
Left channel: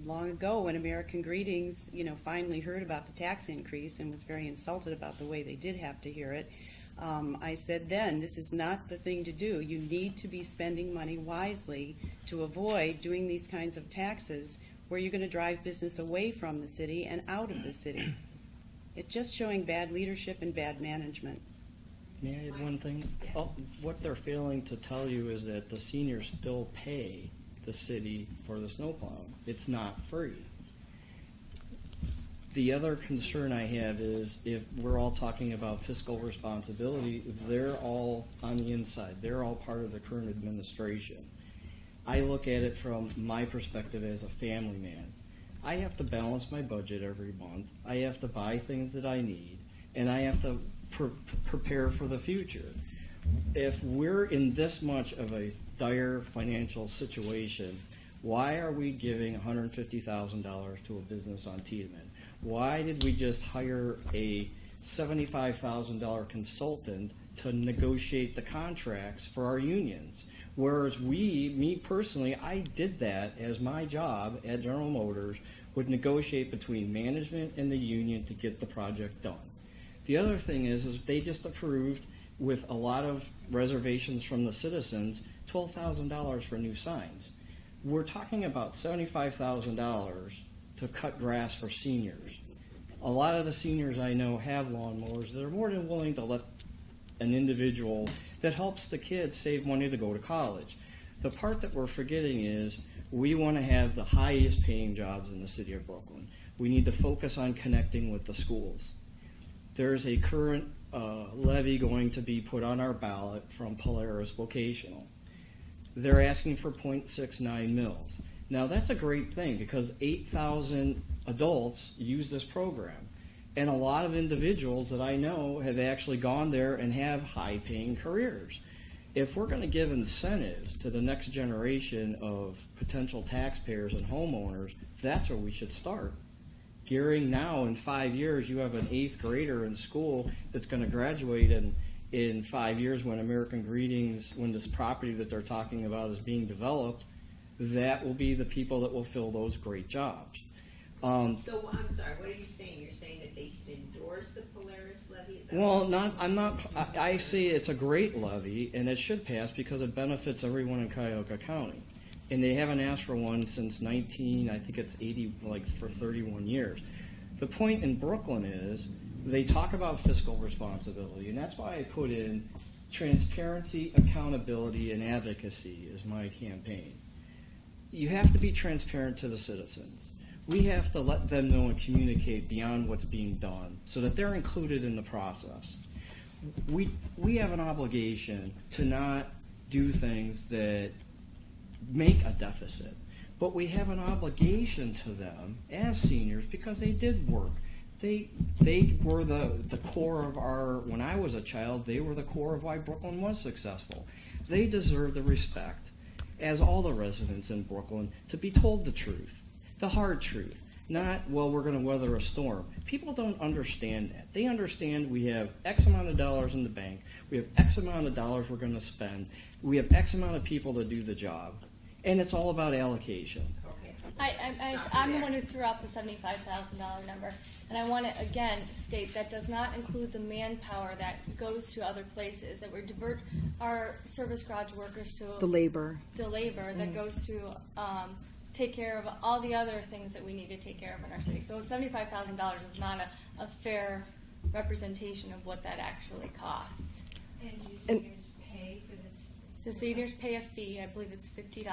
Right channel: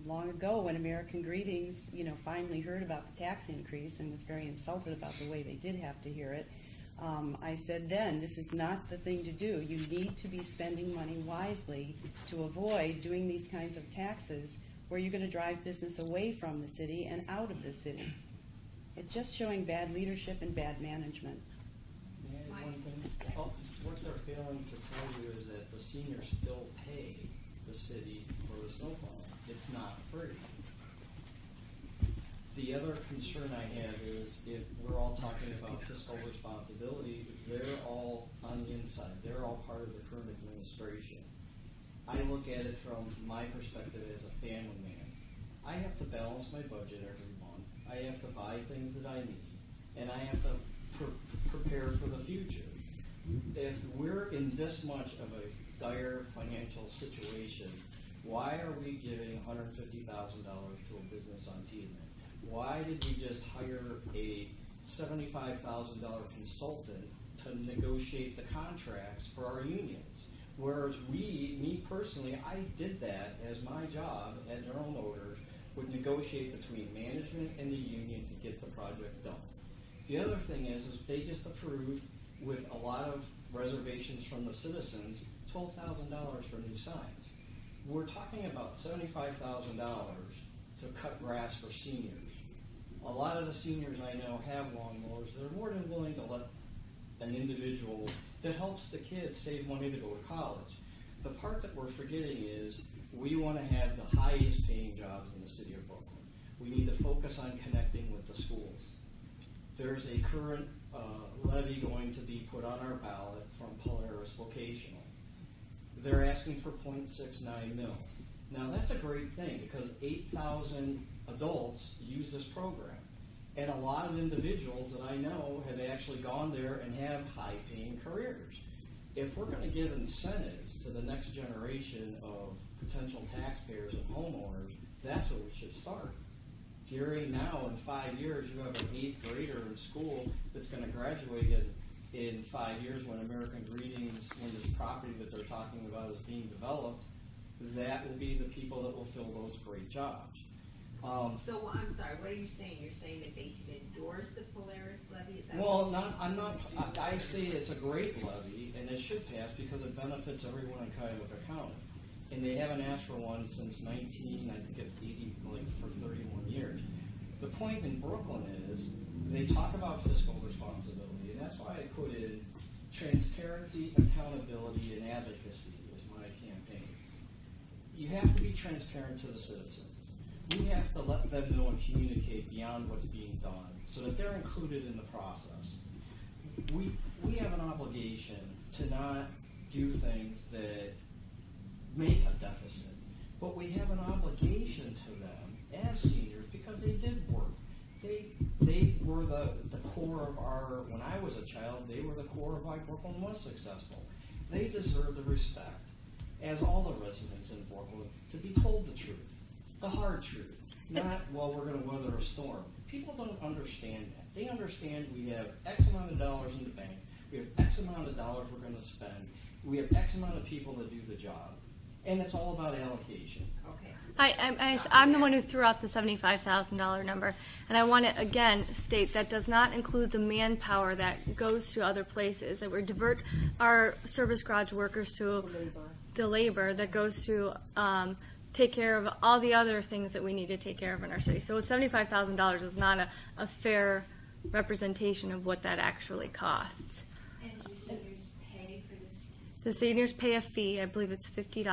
long ago when American Greetings, finally heard about the tax increase and was very insulted about the way they did have to hear it, I said then, this is not the thing to do. You need to be spending money wisely to avoid doing these kinds of taxes where you're going to drive business away from the city and out of the city. It's just showing bad leadership and bad management. May I add one thing? What they're failing to tell you is that the seniors still pay the city for the snow plowing. It's not free. The other concern I have is if we're all talking about fiscal responsibility, if they're all on the inside, they're all part of the current administration. I look at it from my perspective as a family man. I have to balance my budget every month. I have to buy things that I need, and I have to prepare for the future. If we're in this much of a dire financial situation, Why are we giving $150,000 to a business on Tiedemann? Why did we just hire a $75,000 consultant to negotiate the contracts for our unions? Whereas me personally, I did that as my job at General Motors, would negotiate between management and the union to get the project done. The other thing is they just approved, with a lot of reservations from the citizens, $12,000 for new signs. We're talking about $75,000 to cut grass for seniors. A lot of the seniors I know have lawnmowers that are more than willing to let an individual that helps the kids save money to go to college. The part that we're forgetting is we want to have the highest paying jobs in the city of Brooklyn. We need to focus on connecting with the schools. There's a current levy going to be put on our ballot from Polaris Vocational. They're asking for 0.69 mils. Now that's a great thing because 8,000 adults use this program. And a lot of individuals that I know have actually gone there and have high-paying careers. If we're going to give incentives to the next generation of potential taxpayers and homeowners, that's where we should start. Gearing now, in 5 years, you have an 8th grader in school that's going to graduate in 5 years when American Greetings, when this property that they're talking about is being developed, that will be the people that will fill those great jobs. So I'm sorry, what are you saying? You're saying that they should endorse the Polaris levy? Is that Well, I say it's a great levy, and it should pass because it benefits everyone in Cuyahoga County. And they haven't asked for one since 80, for 31 years. The point in Brooklyn is they talk about fiscal responsibility, and that's why I put in transparency, accountability, and advocacy as my campaign. You have to be transparent to the citizens. We have to let them know and communicate beyond what's being done so that they're included in the process. We have an obligation to not do things that make a deficit, but we have an obligation to them as seniors because they did work. They were the core of when I was a child, they were the core of why Brooklyn was successful. They deserve the respect, as all the residents in Brooklyn, to be told the truth. The hard truth, not, well, we're going to weather a storm. People don't understand that. They understand we have X amount of dollars in the bank, we have X amount of dollars we're going to spend, we have X amount of people to do the job, and it's all about allocation. I'm the one who threw out the $75,000 number, and I want to again state that does not include the manpower that goes to other places. That we divert our service garage workers to The labor that goes to take care of all the other things that we need to take care of in our city. So $75,000 is not a fair representation of what that actually costs. And do seniors pay for this? The seniors pay a fee. I believe it's $50.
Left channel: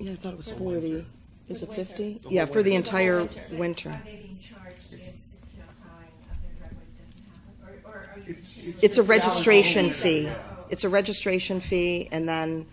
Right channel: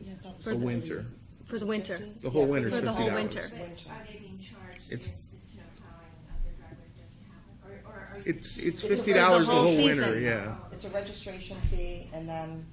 Yeah, I thought it was For the 40. winter. For Was the it winter. 50? The Yeah, whole for the winter. entire winter. winter. Are they being charged It's- if the snow plowing of their driveways doesn't happen? Or are you? It's It's a $50 registration for the winter, fee. yeah. It's a registration fee, and then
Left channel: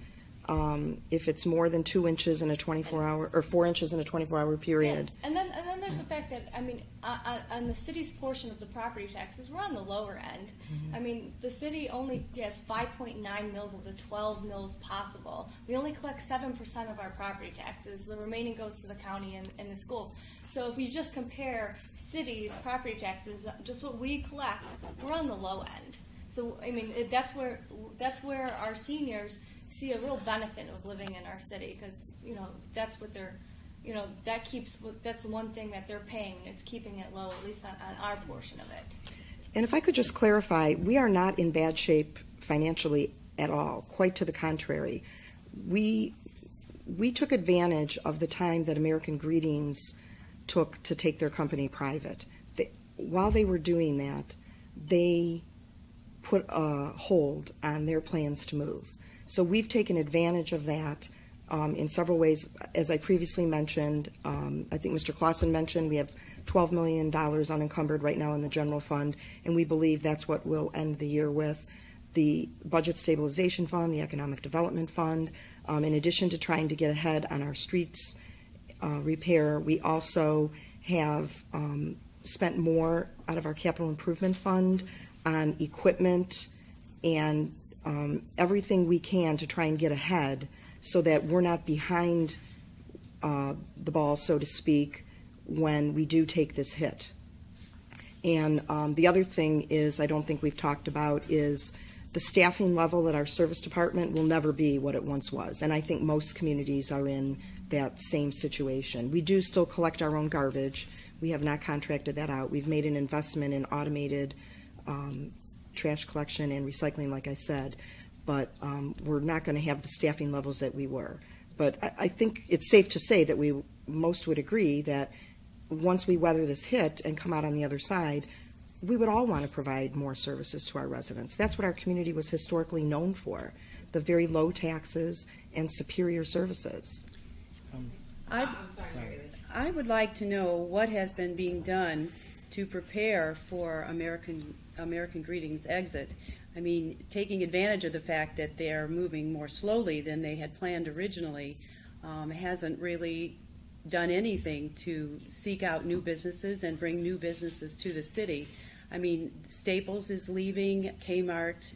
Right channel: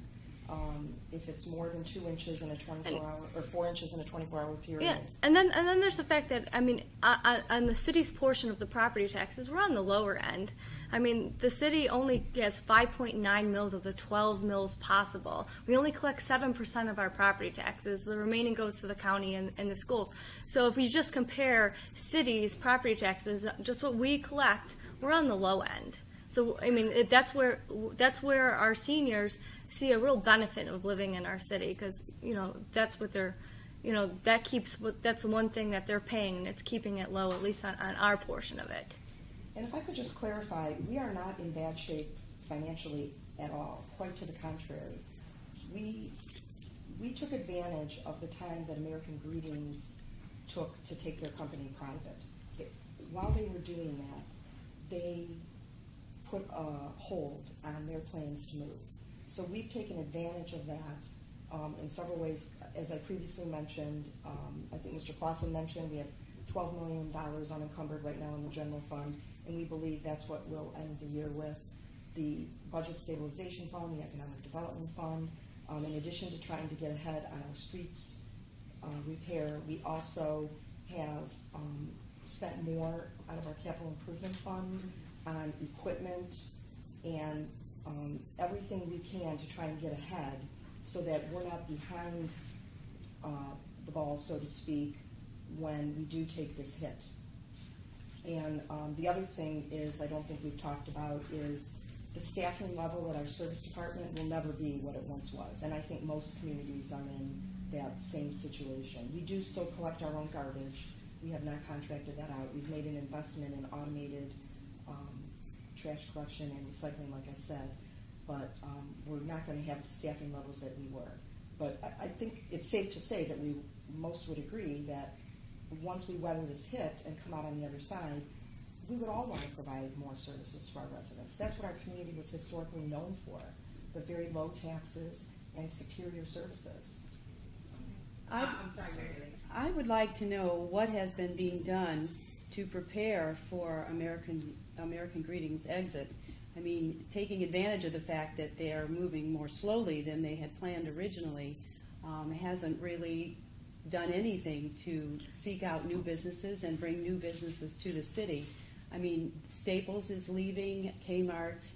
if it's more than 2 inches in a 24-hour or 4 inches in a 24-hour period. Yeah. And then there's the fact that, I mean, on the city's portion of the property taxes, we're on the lower end. I mean, the city only gets 5.9 mils of the 12 mils possible. We only collect 7% of our property taxes. The remaining goes to the county and the schools. So if we just compare cities' property taxes, just what we collect, we're on the low end. So, I mean, that's where our seniors see a real benefit of living in our city, because that's what they're, that's the one thing that they're paying, and it's keeping it low, at least on our portion of it. And if I could just clarify, we are not in bad shape financially at all. Quite to the contrary. We took advantage of the time that American Greetings took to take their company private. While they were doing that, they put a hold on their plans to move. So we've taken advantage of that in several ways. As I previously mentioned, I think Mr. Claussen mentioned, we have $12 million unencumbered right now in the general fund, and we believe that's what we'll end the year with. The Budget Stabilization Fund, the Economic Development Fund, in addition to trying to get ahead on our streets repair, we also have spent more out of our Capital Improvement Fund on equipment and everything we can to try and get ahead so that we're not behind the ball, so to speak, when we do take this hit. And the other thing is, I don't think we've talked about, is the staffing level at our service department will never be what it once was. And I think most communities are in that same situation. We do still collect our own garbage. We have not contracted that out. We've made an investment in automated trash collection and recycling, like I said, but we're not going to have the staffing levels that we were. But I think it's safe to say that we most would agree that once we weather this hit and come out on the other side, we would all want to provide more services to our residents. That's what our community was historically known for, the very low taxes and superior services. I'm sorry. I would like to know what has been being done to prepare for American Greetings' exit. I mean, taking advantage of the fact that they are moving more slowly than they had planned originally, hasn't really done anything to seek out new businesses and bring new businesses to the city. I mean, Staples is leaving, Kmart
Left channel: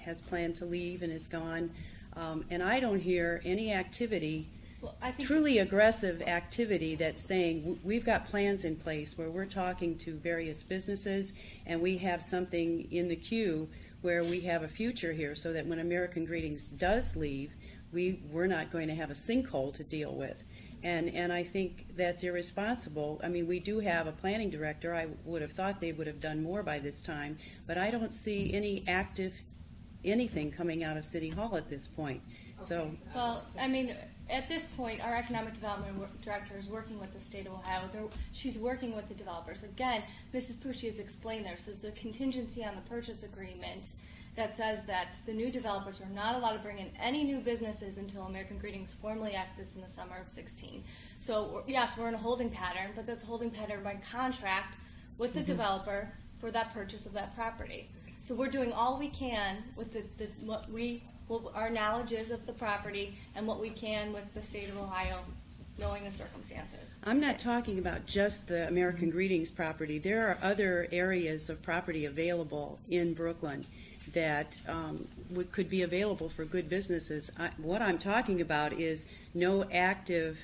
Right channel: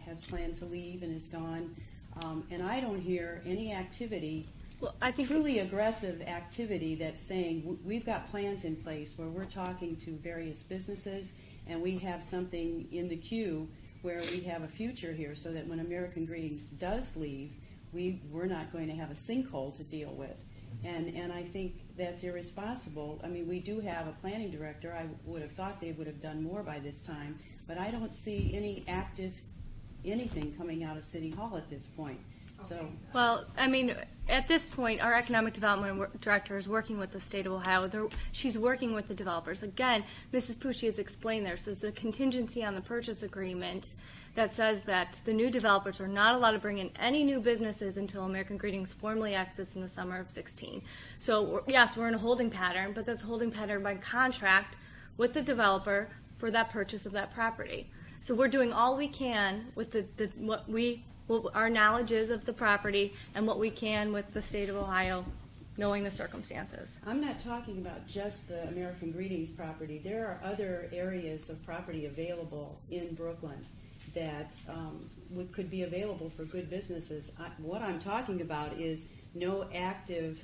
has planned to leave and is gone, and I don't hear any activity, Well, I think truly aggressive activity that's saying we've got plans in place where we're talking to various businesses and we have something in the queue where we have a future here so that when American Greetings does leave, we're not going to have a sinkhole to deal with. And I think that's irresponsible. I mean, we do have a planning director. I would have thought they would have done more by this time, but I don't see any active anything coming out of City Hall at this point. So, well, I mean, at this point, our economic development director is working with the state of Ohio. She's working with the developers. Again, Mrs. Pucci has explained there, so it's a contingency on the purchase agreement that says that the new developers are not allowed to bring in any new businesses until American Greetings formally exits in the summer of 16. So, yes, we're in a holding pattern, but that's a holding pattern by contract with the developer for that purchase of that property. So we're doing all we can with our knowledge is of the property and what we can with the state of Ohio, knowing the circumstances. I'm not talking about just the American Greetings property. There are other areas of property available in Brooklyn that could be available for good businesses. What I'm talking about is no active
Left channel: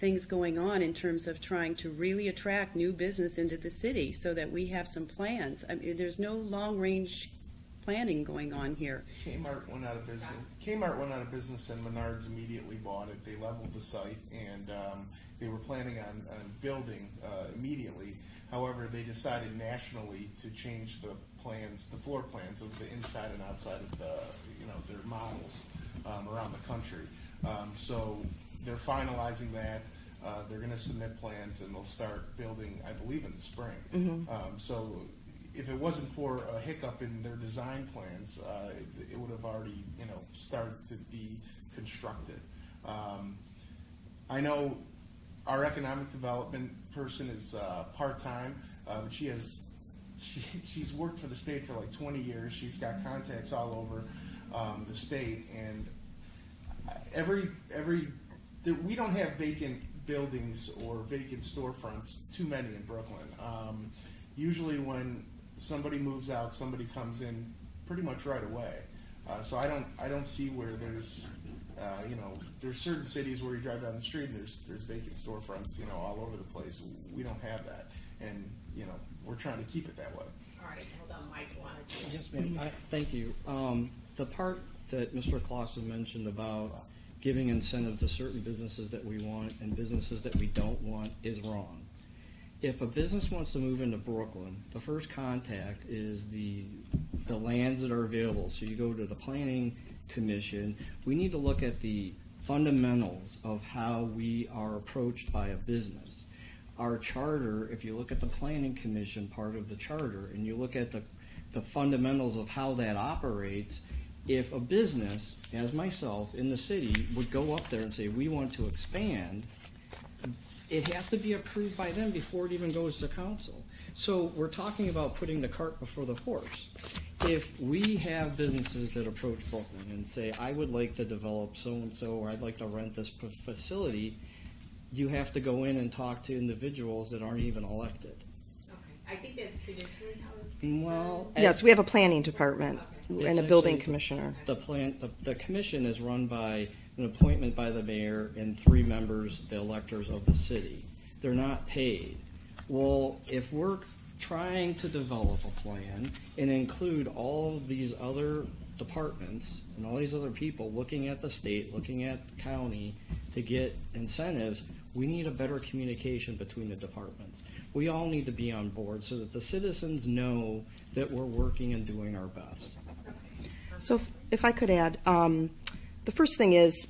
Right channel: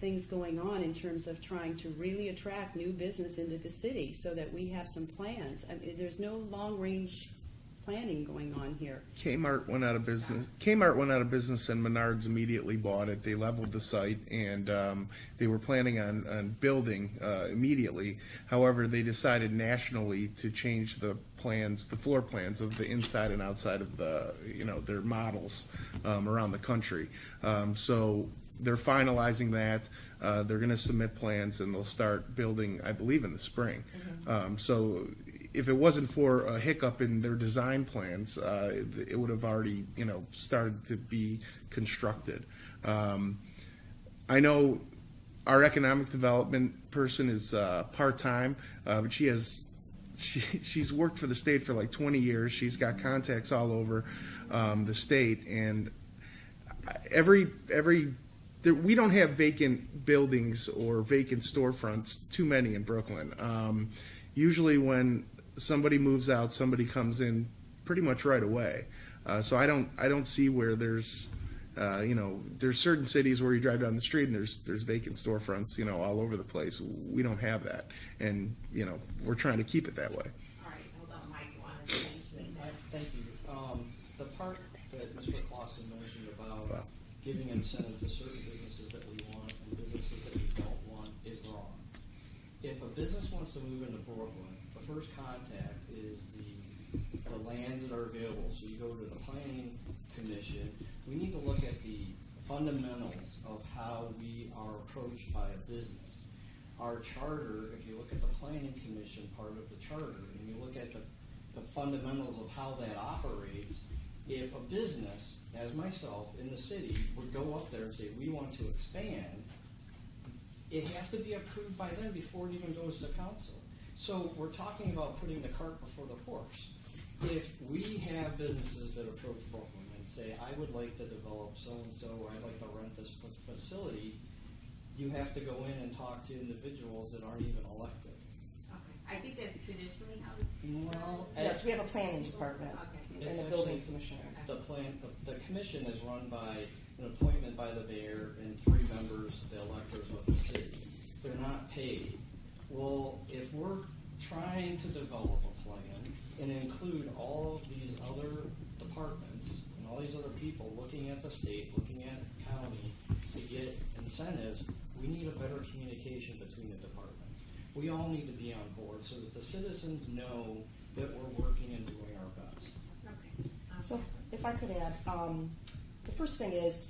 things going on in terms of trying to really attract new business into the city so that we have some plans. I mean, there's no long-range planning going on here. Kmart went out of business and Menards immediately bought it. They leveled the site and they were planning on building immediately. However, they decided nationally to change the floor plans of the inside and outside of their models around the country. So they're finalizing that. They're going to submit plans and they'll start building, I believe, in the spring. Mm-hmm. So if it wasn't for a hiccup in their design plans, it would have already, started to be constructed. I know our economic development person is part-time, but she's worked for the state for like 20 years. She's got contacts all over the state, and we don't have vacant buildings or vacant storefronts, too many in Brooklyn. Usually when somebody moves out, somebody comes in pretty much right away. So I don't see where there's there's certain cities where you drive down the street and there's vacant storefronts all over the place. We don't have that, and we're trying to keep it that way. All right, hold on, Mike. You wanted to... Yes, ma'am. Thank you. The part that Mr. Claussen mentioned about giving incentive to certain businesses that we want and businesses that we don't want is wrong. If a business wants to move into Brooklyn, the first contact is the lands that are available. So you go to the Planning Commission. We need to look at the fundamentals of how we are approached by a business. Our charter, if you look at the Planning Commission part of the charter and you look at the fundamentals of how that operates, if a business, as myself, in the city would go up there and say, we want to expand, it has to be approved by them before it even goes to council. So we're talking about putting the cart before the horse. If we have businesses that approach Brooklyn and say, I would like to develop so-and-so, or I'd like to rent this facility, you have to go in and talk to individuals that aren't even elected. Okay. I think that's traditionally how it's... Well, Yes, we have a planning department and a building commissioner. The commission is run by an appointment by the mayor and 3 members, the electors of the city. They're not paid. Well, if we're trying to develop a plan and include all of these other departments and all these other people looking at the state, looking at the county to get incentives, we need a better communication between the departments. We all need to be on board so that the citizens know that we're working and doing our best. So if I could add, the first thing is,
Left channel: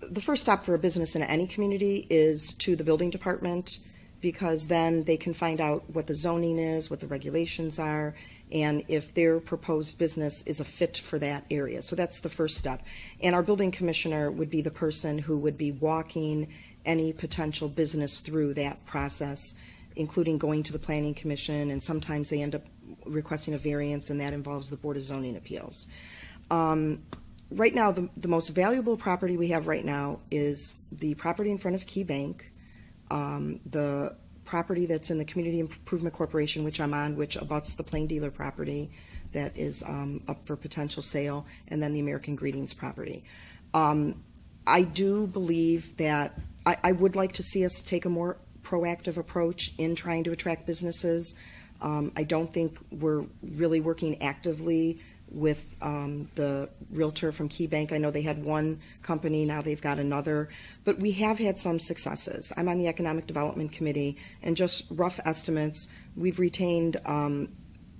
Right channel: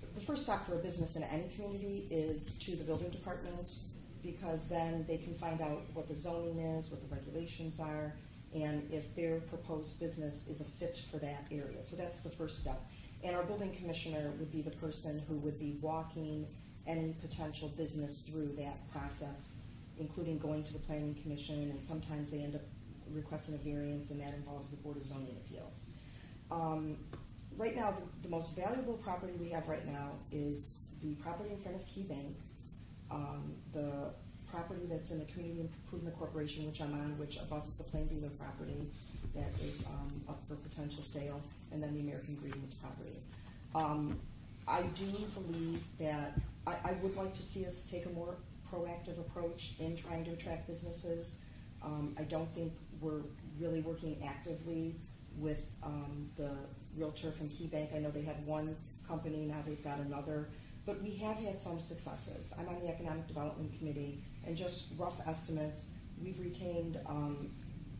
the first stop for a business in any community is to the building department, because then they can find out what the zoning is, what the regulations are, and if their proposed business is a fit for that area. So that's the first step. And our building commissioner would be the person who would be walking any potential business through that process, including going to the planning commission, and sometimes they end up requesting a variance, and that involves the Board of Zoning Appeals. Right now, the most valuable property we have right now is the property in front of Key Bank, the property that's in the Community Improvement Corporation, which I'm on, which abuts the Plain Dealer property that is up for potential sale, and then the American Greetings property. I do believe that I would like to see us take a more proactive approach in trying to attract businesses. I don't think we're really working actively with the realtor from Key Bank. I know they had one company, now they've got another, but we have had some successes. I'm on the Economic Development Committee, and just rough estimates, we've retained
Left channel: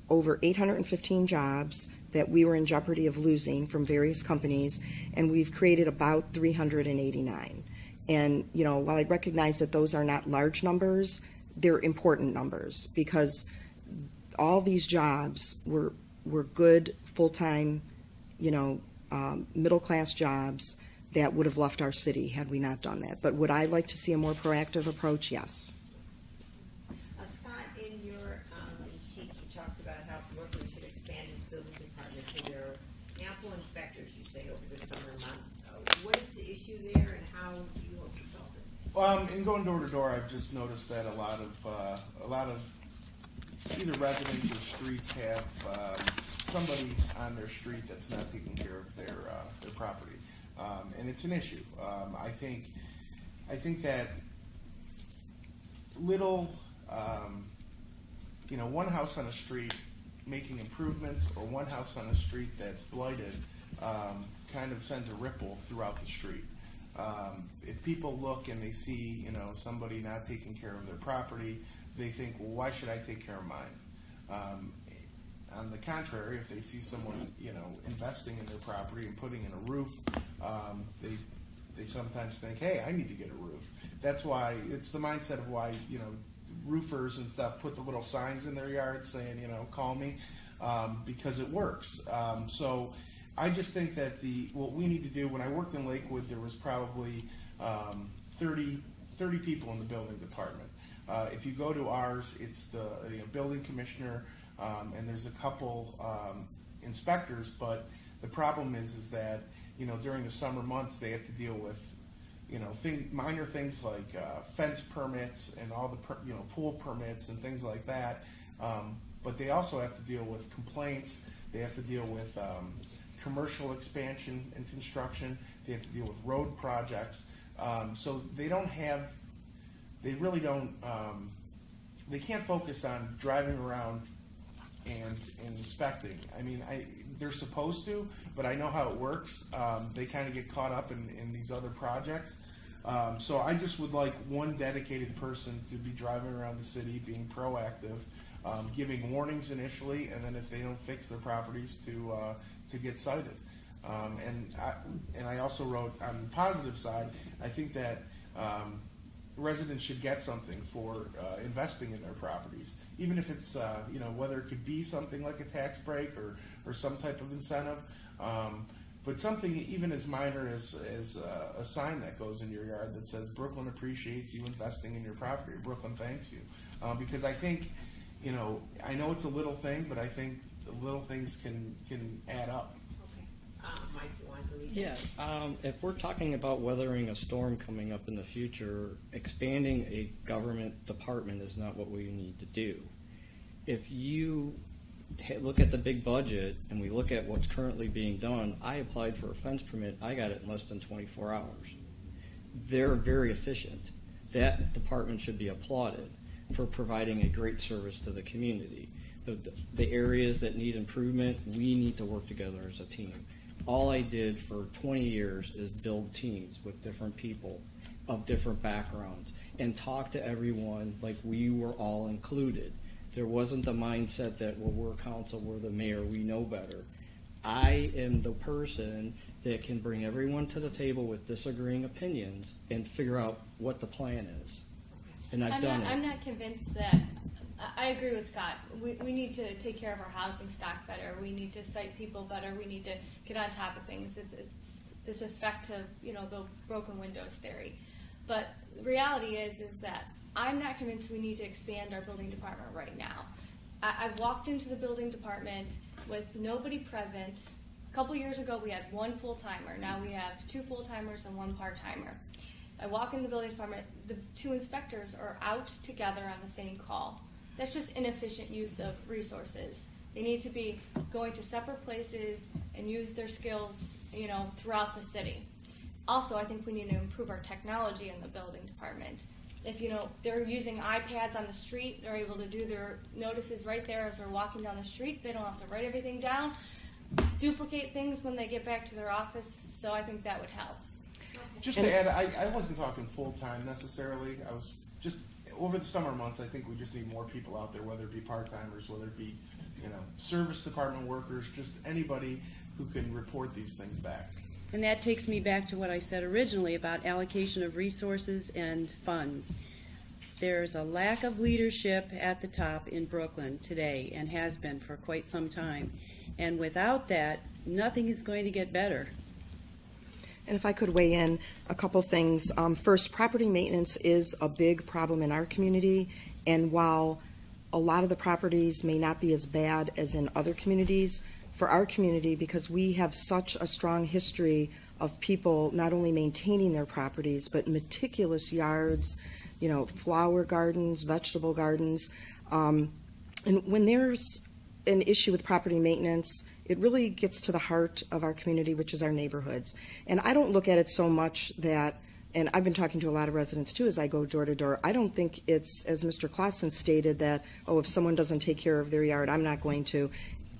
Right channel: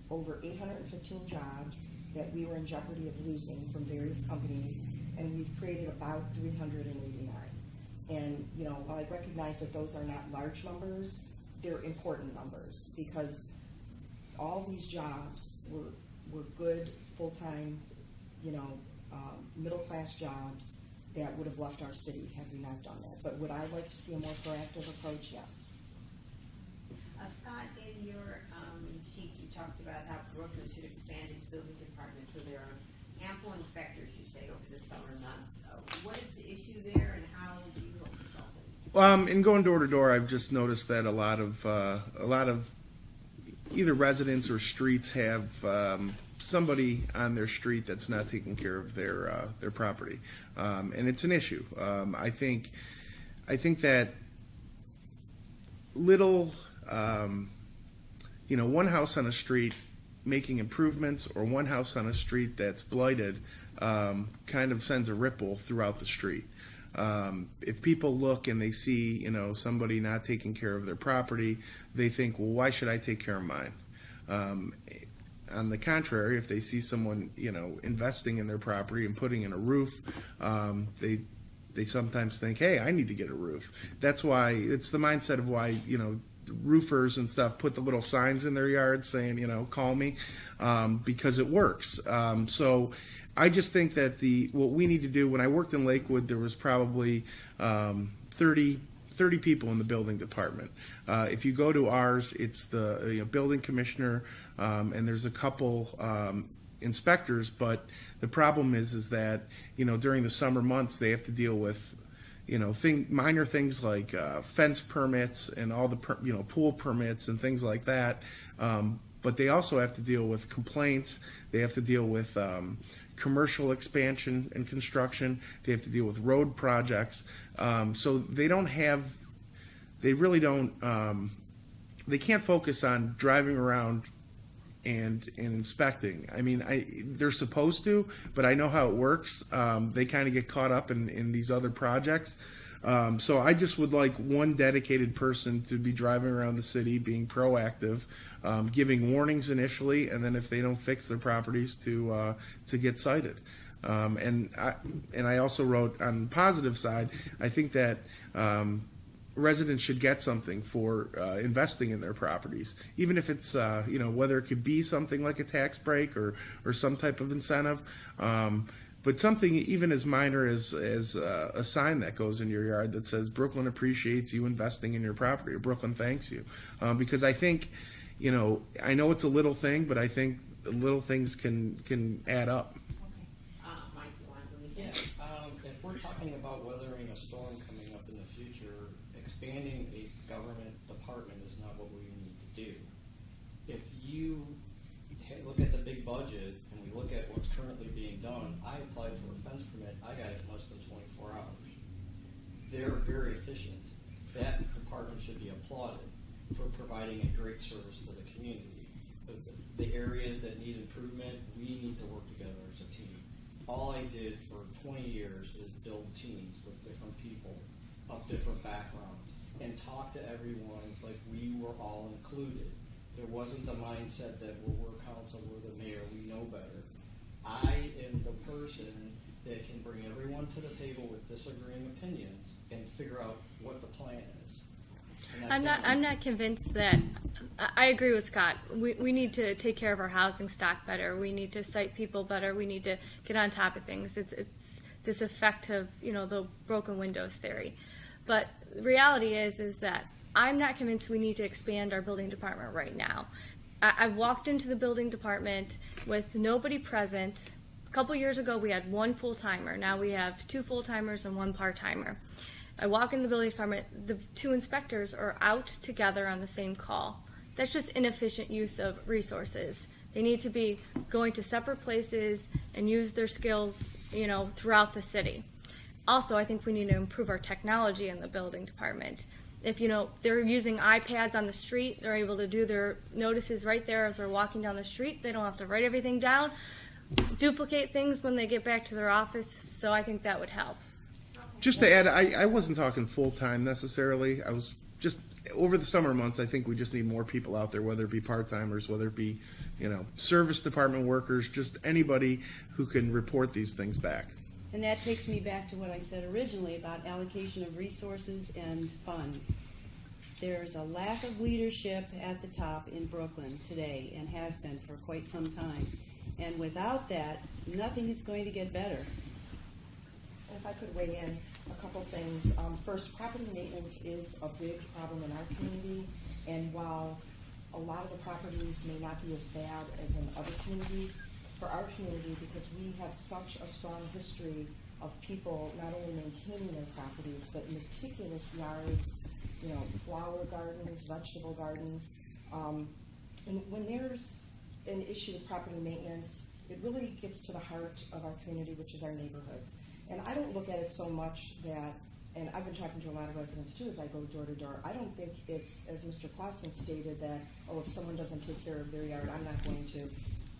over 815 jobs that we were in jeopardy of losing from various companies, and we've created about 389. And, you know, while I recognize that those are not large numbers, they're important numbers, because all these jobs were good, full-time, you know, middle-class jobs that would have left our city had we not done that. But would I like to see a more proactive approach? Yes. Scott, in your sheet, you talked about how Brooklyn should expand its building departments, and there are ample inspectors, you say, over the summer months. What is the issue there, and how do you hope to solve it? In going door to door, I've just noticed that a lot of either residents or streets have somebody on their street that's not taking care of their property, and it's an issue. I think that little, one house on a street making improvements, or one house on a street that's blighted, kind of sends a ripple throughout the street. If people look and they see, somebody not taking care of their property, they think, well, why should I take care of mine? On the contrary, if they see someone, investing in their property and putting in a roof, they sometimes think, hey, I need to get a roof. That's why it's the mindset of why, roofers and stuff put the little signs in their yard saying, call me, because it works. So I just think that what we need to do, when I worked in Lakewood, there was probably 30 people in the building department. If you go to ours, it's the building commissioner, and there's a couple inspectors, but the problem is that during the summer months they have to deal with minor things like fence permits and all the pool permits and things like that. But they also have to deal with complaints. They have to deal with commercial expansion and construction. They have to deal with road projects. So they really don't. They can't focus on driving around and inspecting. I mean, they're supposed to, but I know how it works. They kind of get caught up in these other projects. So I just would like one dedicated person to be driving around the city, being proactive, giving warnings initially, and then if they don't fix their properties, to get cited. And I also wrote, on the positive side, I think that residents should get something for investing in their properties, even if it's whether it could be something like a tax break or some type of incentive, but something even as minor as a sign that goes in your yard that says Brooklyn appreciates you investing in your property, or Brooklyn thanks you, because I think I know it's a little thing, but I think little things can add up. Yeah, if we're talking about weathering a storm coming up in the future, expanding a government department is not what we need to do. If you look at the big budget and we look at what's currently being done, I applied for a fence permit. I got it in less than 24 hours. They're very efficient. That department should be applauded for providing a great service to the community. The areas that need improvement, we need to work together as a team. All I did for 20 years is build teams with different people of different backgrounds and talk to everyone like we were all included. There wasn't the mindset that, well, we're council, we're the mayor, we know better. I am the person that can bring everyone to the table with disagreeing opinions and figure out what the plan is. And I'm not convinced that. I agree with Scott. We need to take care of our housing stock better. We need to cite people better. We need to get on top of things. It's this effect of, the broken windows theory. But the reality is that I'm not convinced we need to expand our building department right now. I've walked into the building department with nobody present. A couple years ago, we had one full-timer. Now we have 2 full-timers and 1 part-timer. I walk in the building department, the 2 inspectors are out together on the same call. That's just inefficient use of resources. They need to be going to separate places and use their skills, throughout the city. Also, I think we need to improve our technology in the building department. If, they're using iPads on the street, they're able to do their notices right there as they're walking down the street. They don't have to write everything down, duplicate things when they get back to their office, so I think that would help. Just to add, I wasn't talking full-time necessarily. I was just, over the summer months, I think we just need more people out there, whether it be part-timers, whether it be, service department workers, just anybody who can report these things back. And that takes me back to what I said originally about allocation of resources and funds. There's a lack of leadership at the top in Brooklyn today and has been for quite some time. And without that, nothing is going to get better. And if I could weigh in a couple things. First, property maintenance is a big problem in our community, and while a lot of the properties may not be as bad as in other communities, for our community, because we have such a strong history of people not only maintaining their properties, but meticulous yards, flower gardens, vegetable gardens. And when there's an issue with property maintenance, it really gets to the heart of our community, which is our neighborhoods. And I don't look at it so much that, and I've been talking to a lot of residents too as I go door to door, I don't think it's, as Mr. Claussen stated, that, if someone doesn't take care of their yard, I'm not going to.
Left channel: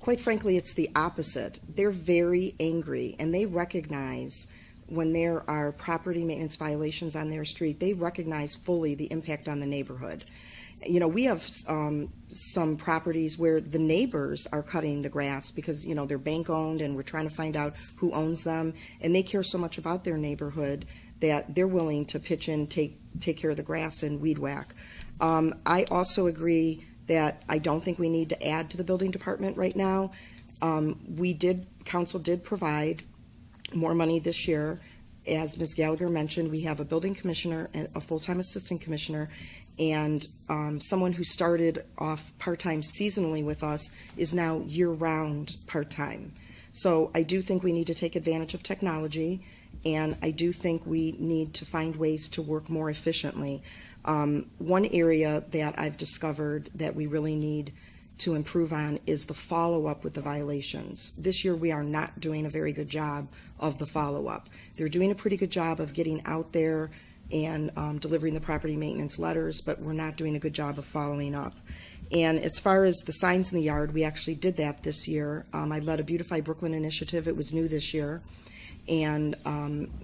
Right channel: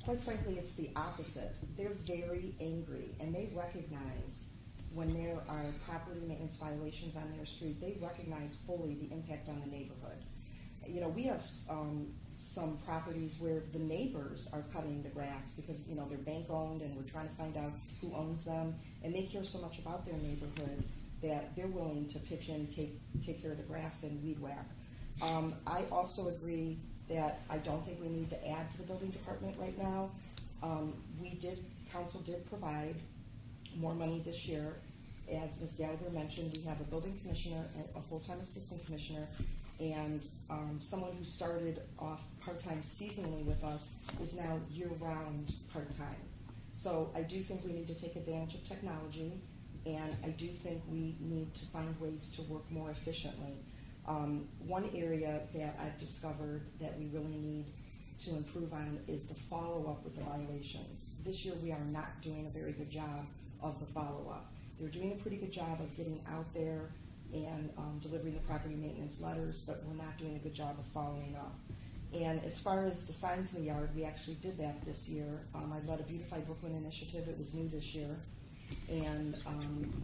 Quite frankly, it's the opposite. They're very angry, and they recognize when there are property maintenance violations on their street, they recognize fully the impact on the neighborhood. We have some properties where the neighbors are cutting the grass because, they're bank owned and we're trying to find out who owns them, and they care so much about their neighborhood that they're willing to pitch in, take care of the grass and weed whack. I also agree that I don't think we need to add to the building department right now. Council did provide more money this year. As Ms. Gallagher mentioned, we have a building commissioner and a full-time assistant commissioner, and someone who started off part-time seasonally with us is now year-round part-time. So I do think we need to take advantage of technology, and I do think we need to find ways to work more efficiently. One area that I've discovered that we really need to improve on is the follow-up with the violations. This year we are not doing a very good job of the follow-up. They're doing a pretty good job of getting out there and delivering the property maintenance letters, but we're not doing a good job of following up. And as far as the signs in the yard, we actually did that this year. I led a Beautify Brooklyn initiative. It was new this year. And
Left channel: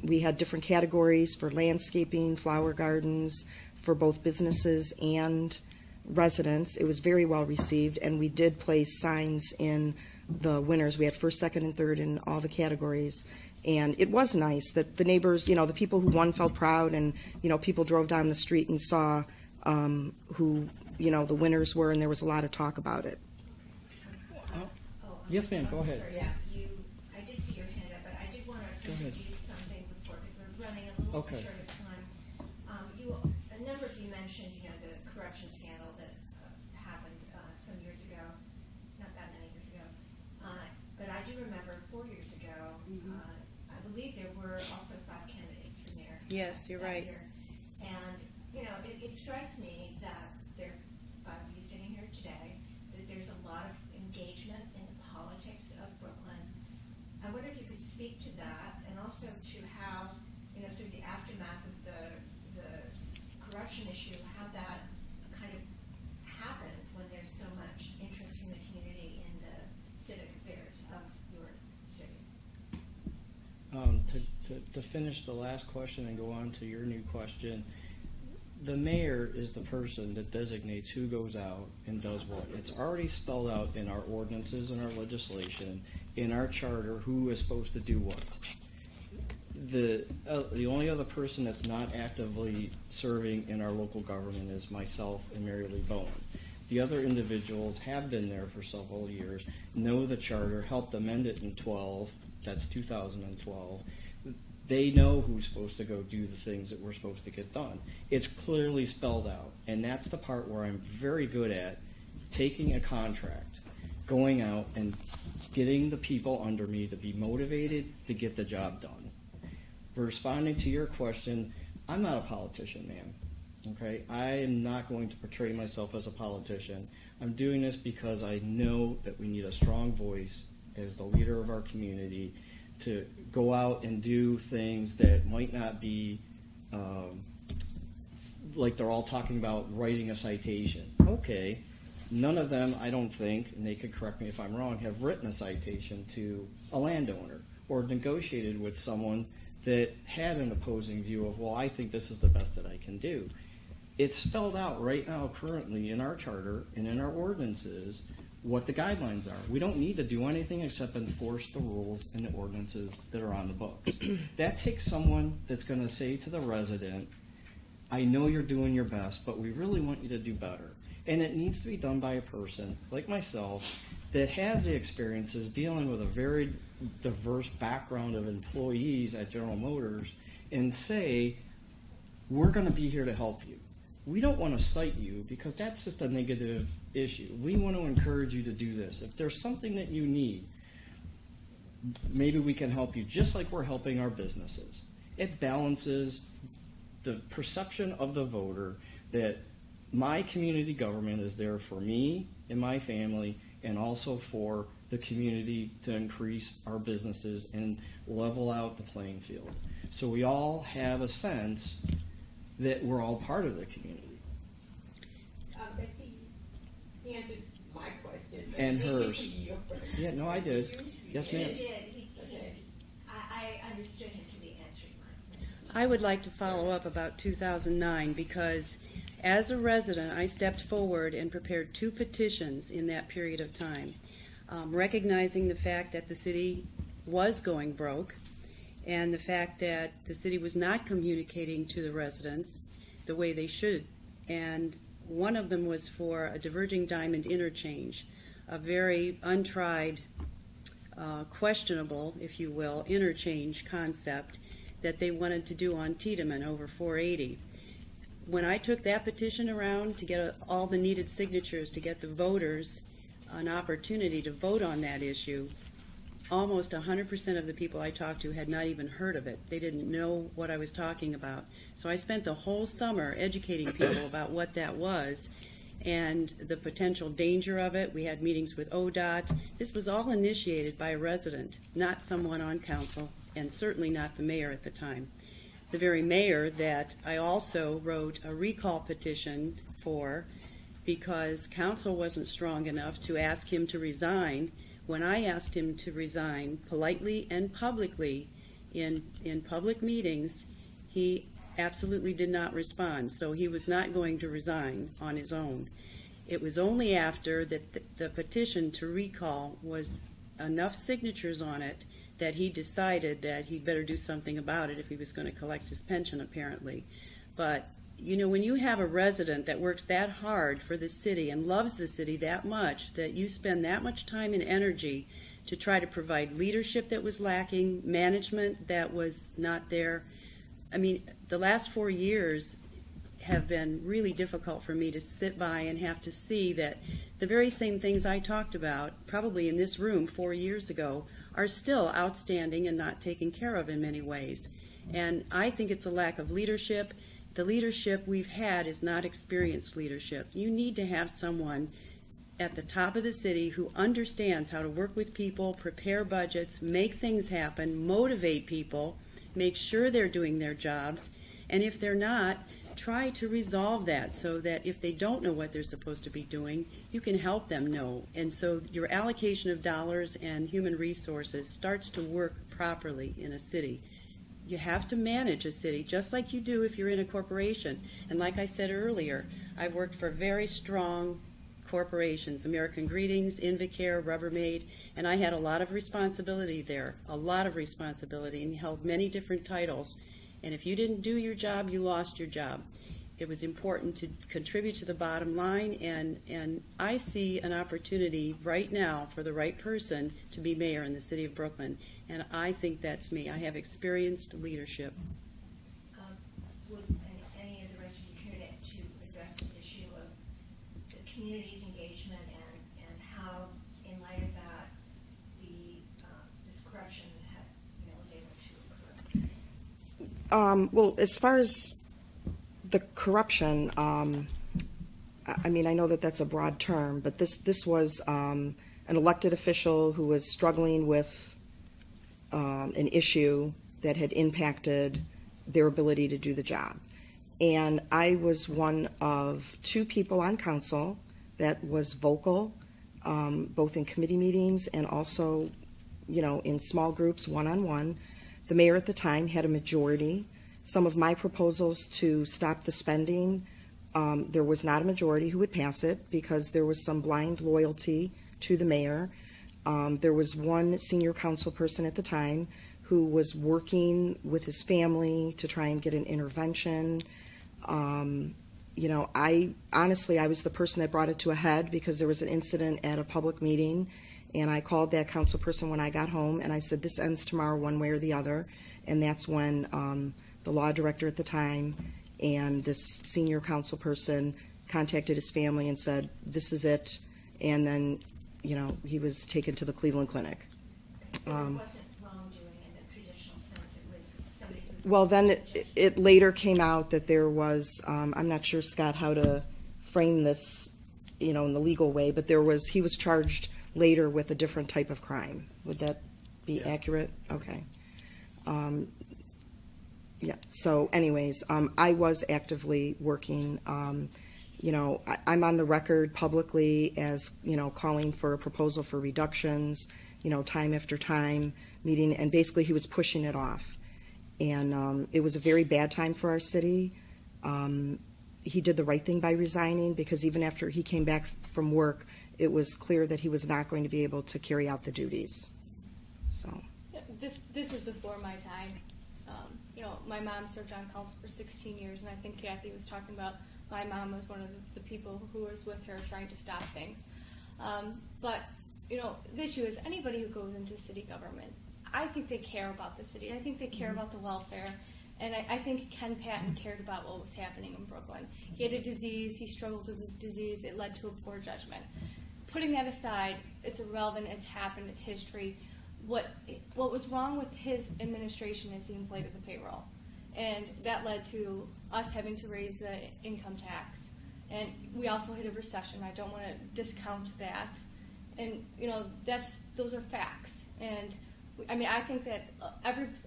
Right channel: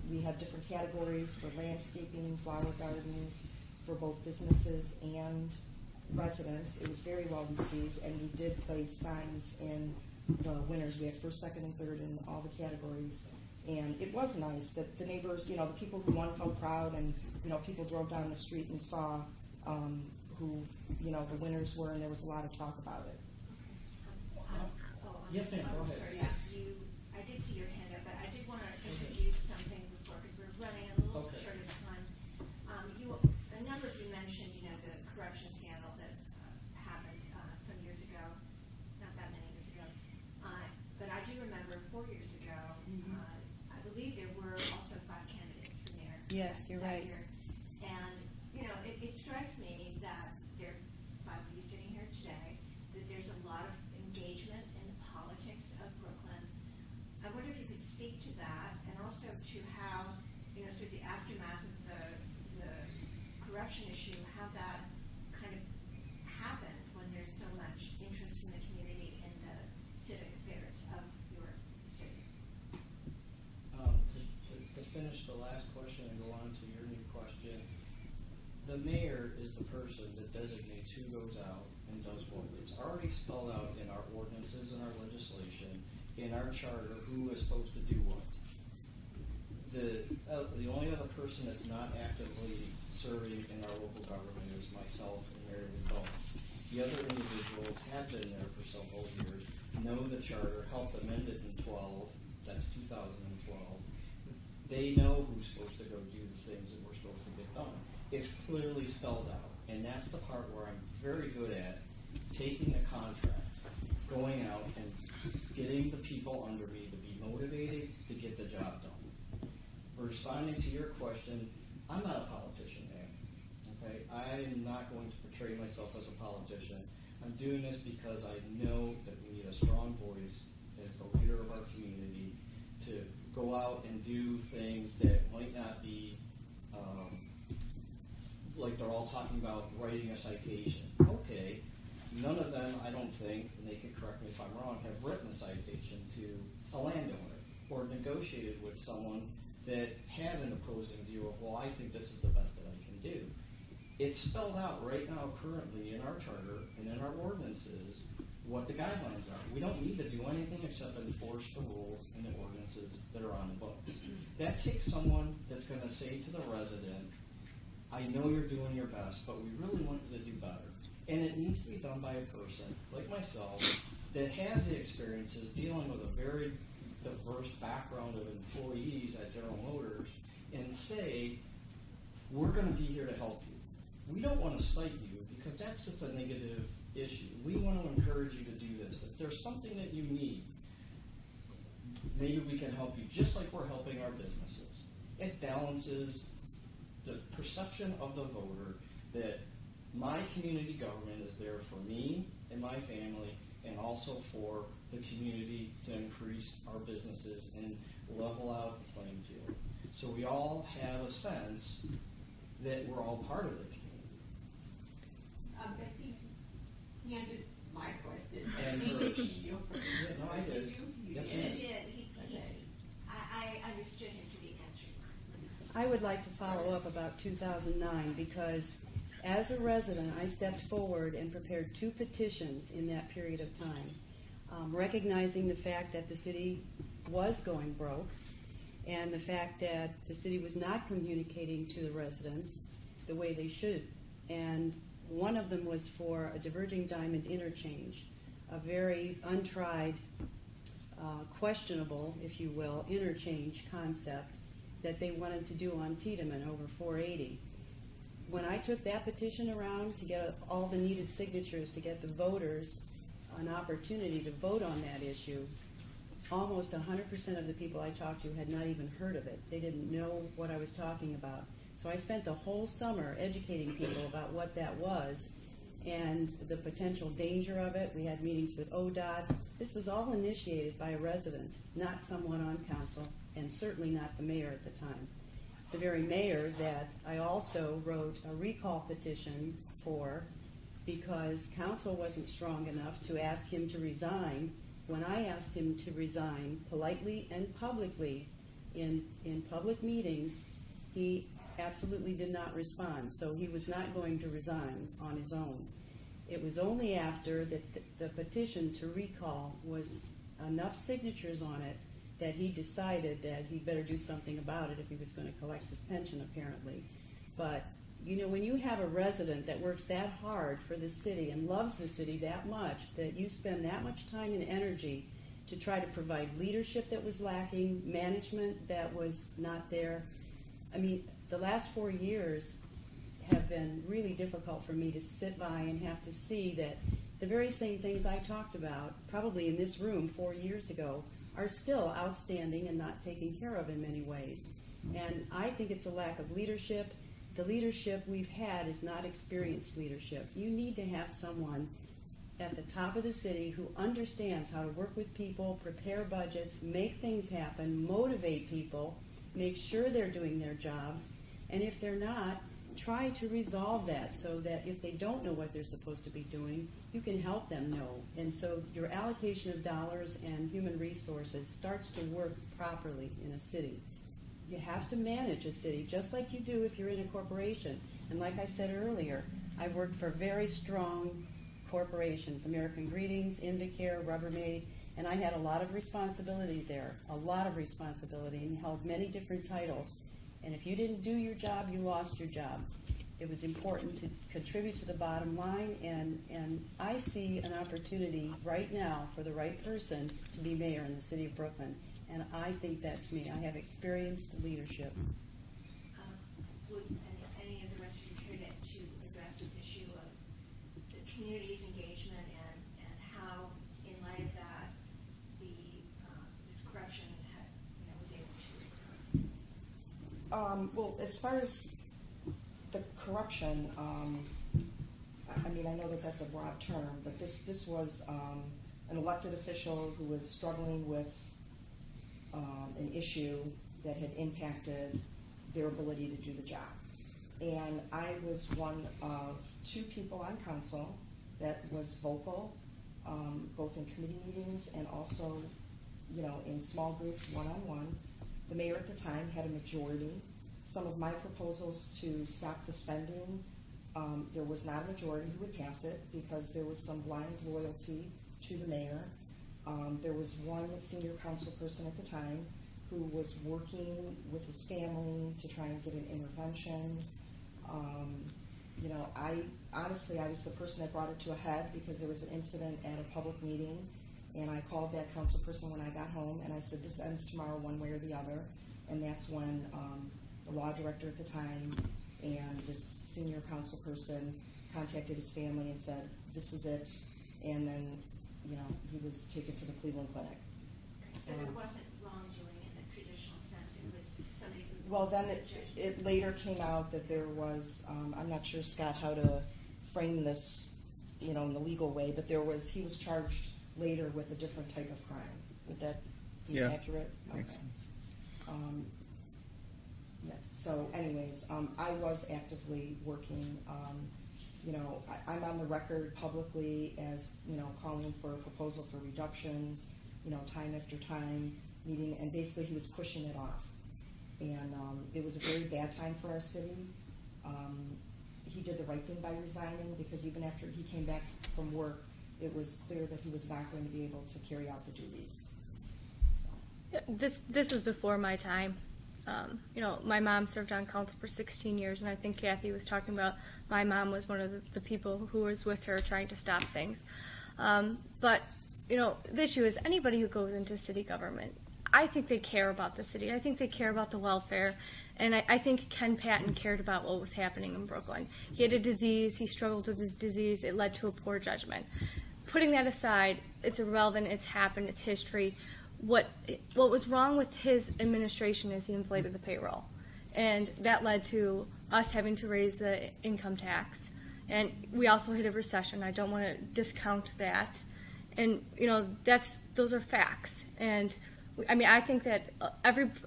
we had different categories for landscaping, flower gardens, for both businesses and residents. It was very well received, and we did place signs in the winners. We had first, second, and third in all the categories. And it was nice that the neighbors, the people who won felt proud, and, people drove down the street and saw who, the winners were, and there was a lot of talk about it. Yes, ma'am, go ahead. Sorry, I did see your hand up, but I did want to introduce something before, because we're running a little bit short of time. A number of you mentioned, the corruption scandal that happened some years ago, not that many years ago. But I do remember 4 years ago, I believe there were also 5 candidates for mayor. Yes, you're right. Year. And, it strikes me that there, by you sitting here today, that there's a lot of engagement perception issue, how that kind of happened when there's so much interest from the community in the civic affairs of your city. To finish the last question and go on to your new question, the mayor is the person that designates who goes out and does what. It's already spelled out in our ordinances and our legislation, in our charter, who is supposed to do what. The only other person that's not actively serving in our local government is myself and Mary Lee Bowen. The other individuals have been there for several years, know the charter, helped amend it in 12, that's 2012. They know who's supposed to go do the things that we're supposed to get done. It's clearly spelled out, and that's the part where I'm very good at taking a contract, going out and getting the people under me to be motivated to get the job done. Responding to your question, I'm not a politician, ma'am. Okay, I am not going to portray myself as a politician. I'm doing this because I know that we need a strong voice as the leader of our community to go out and do things that might not be like they're all talking about writing a citation. Okay, none of them, I don't think, and they could correct me if I'm wrong, have written a citation to a landowner or negotiated with someone that had an opposing view of, well, I think this is the best that I can do. It's spelled out right now currently in our charter and in our ordinances what the guidelines are. We don't need to do anything except enforce the rules and the ordinances that are on the books. That takes someone that's going to say to the resident, I know you're doing your best, but we really want you to do better. And it needs to be done by a person like myself that has the experiences dealing with a very diverse background of employees at General Motors and say, we're going to be here to help you. We don't want to cite you because that's just a negative issue. We want to encourage you to do this. If there's something that you need, maybe we can help you just like we're helping our businesses. It balances the perception of the voter that my community government is there for me and my family and also for the community to increase our businesses and level out the playing field. So we all have a sense that we're all part of the community. He answered my question. And hers. Yours. Yeah, no, I did. Yes, ma'am. He did. I understood him to be answering mine. I would like to follow up about 2009 because as a resident, I stepped forward and prepared 2 petitions in that period of time, recognizing the fact that the city was going broke and the fact that the city was not communicating to the residents the way they should. And one of them was for a diverging diamond interchange, a very untried, questionable, if you will, interchange concept that they wanted to do on Tiedemann over 480. When I took that petition around to get all the needed signatures to get the voters an opportunity to vote on that issue, almost 100% of the people I talked to had not even heard of it. They didn't know what I was talking about. So I spent the whole summer educating people about what that was and the potential danger of it. We had meetings with ODOT. This was all initiated by a resident, not someone on council, and certainly not the mayor at the time. The very mayor that I also wrote a recall petition for because council wasn't strong enough to ask him to resign. When I asked him to resign politely and publicly in public meetings, he absolutely did not respond. So he was not going to resign on his own. It was only after that the petition to recall was enough signatures on it that he decided that he'd better do something about it if he was going to collect his pension, apparently. But, you know, when you have a resident that works that hard for the city and loves the city that much, that you spend that much time and energy to try to provide leadership that was lacking, management that was not there. I mean, the last 4 years have been really difficult for me to sit by and have to see that the very same things I talked about, probably in this room 4 years ago, are still outstanding and not taken care of in many ways. And I think it's a lack of leadership. The leadership we've had is not experienced leadership. You need to have someone at the top of the city who understands how to work with people, prepare budgets, make things happen, motivate people, make sure they're doing their jobs, and if they're not, try to resolve that so that if they don't know what they're supposed to be doing, you can help them know. And so your allocation of dollars and human resources starts to work properly in a city. You have to manage a city just like you do if you're in a corporation. And like I said earlier, I've worked for very strong corporations, American Greetings, Invacare, Rubbermaid, and I had a lot of responsibility there, and held many different titles. And if you didn't do your job, you lost your job. It was important to contribute to the bottom line, and I see an opportunity right now for the right person to be mayor in the city of Brooklyn, and I think that's me. I have experienced leadership. Would any of the rest of you care to address this issue of the community's engagement and how, in light of that, this corruption was able to occur? Well, as far as the corruption, I mean, I know that that's a broad term, but this was an elected official who was struggling with an issue that had impacted their ability to do the job. And I was one of 2 people on council that was vocal, both in committee meetings and also, in small groups, one-on-one. The mayor at the time had a majority. Some of my proposals to stop the spending, there was not a majority who would pass it because there was some blind loyalty to the mayor. There was one senior council person at the time who was working with his family to try and get an intervention. I honestly, I was the person that brought it to a head because there was an incident at a public meeting, and I called that council person when I got home, and I said, this ends tomorrow one way or the other. And that's when the law director at the time and this senior council person contacted his family and said, this is it. And then, he was taken to the Cleveland Clinic. So it wasn't wrongdoing in the traditional sense. It was somebody who... Well, then it later came out that there was, I'm not sure, Scott, how to frame this, in the legal way, but he was charged later with a different type of crime. Would that be accurate? Okay. Yeah, so anyways, I was actively working. I'm on the record publicly as, calling for a proposal for reductions, time after time, meeting, and basically he was pushing it off. And it was a very bad time for our city. He did the right thing by resigning because even after he came back from work, it was clear that he was not going to be able to carry out the duties. So This was before my time. My mom served on council for 16 years, and I think Kathy was talking about my mom was one of the people who was with her trying to stop things. But the issue is anybody who goes into city government, I think they care about the city. I think they care about the welfare. And I think Ken Patton cared about what was happening in Brooklyn. He had a disease. He struggled with his disease. It led to a poor judgment. Putting that aside, it's irrelevant. It's happened. It's history. What was wrong with his administration is he inflated the payroll. And that led to us having to raise the income tax. And we also hit a recession. I don't want to discount that. And, those are facts. And I think that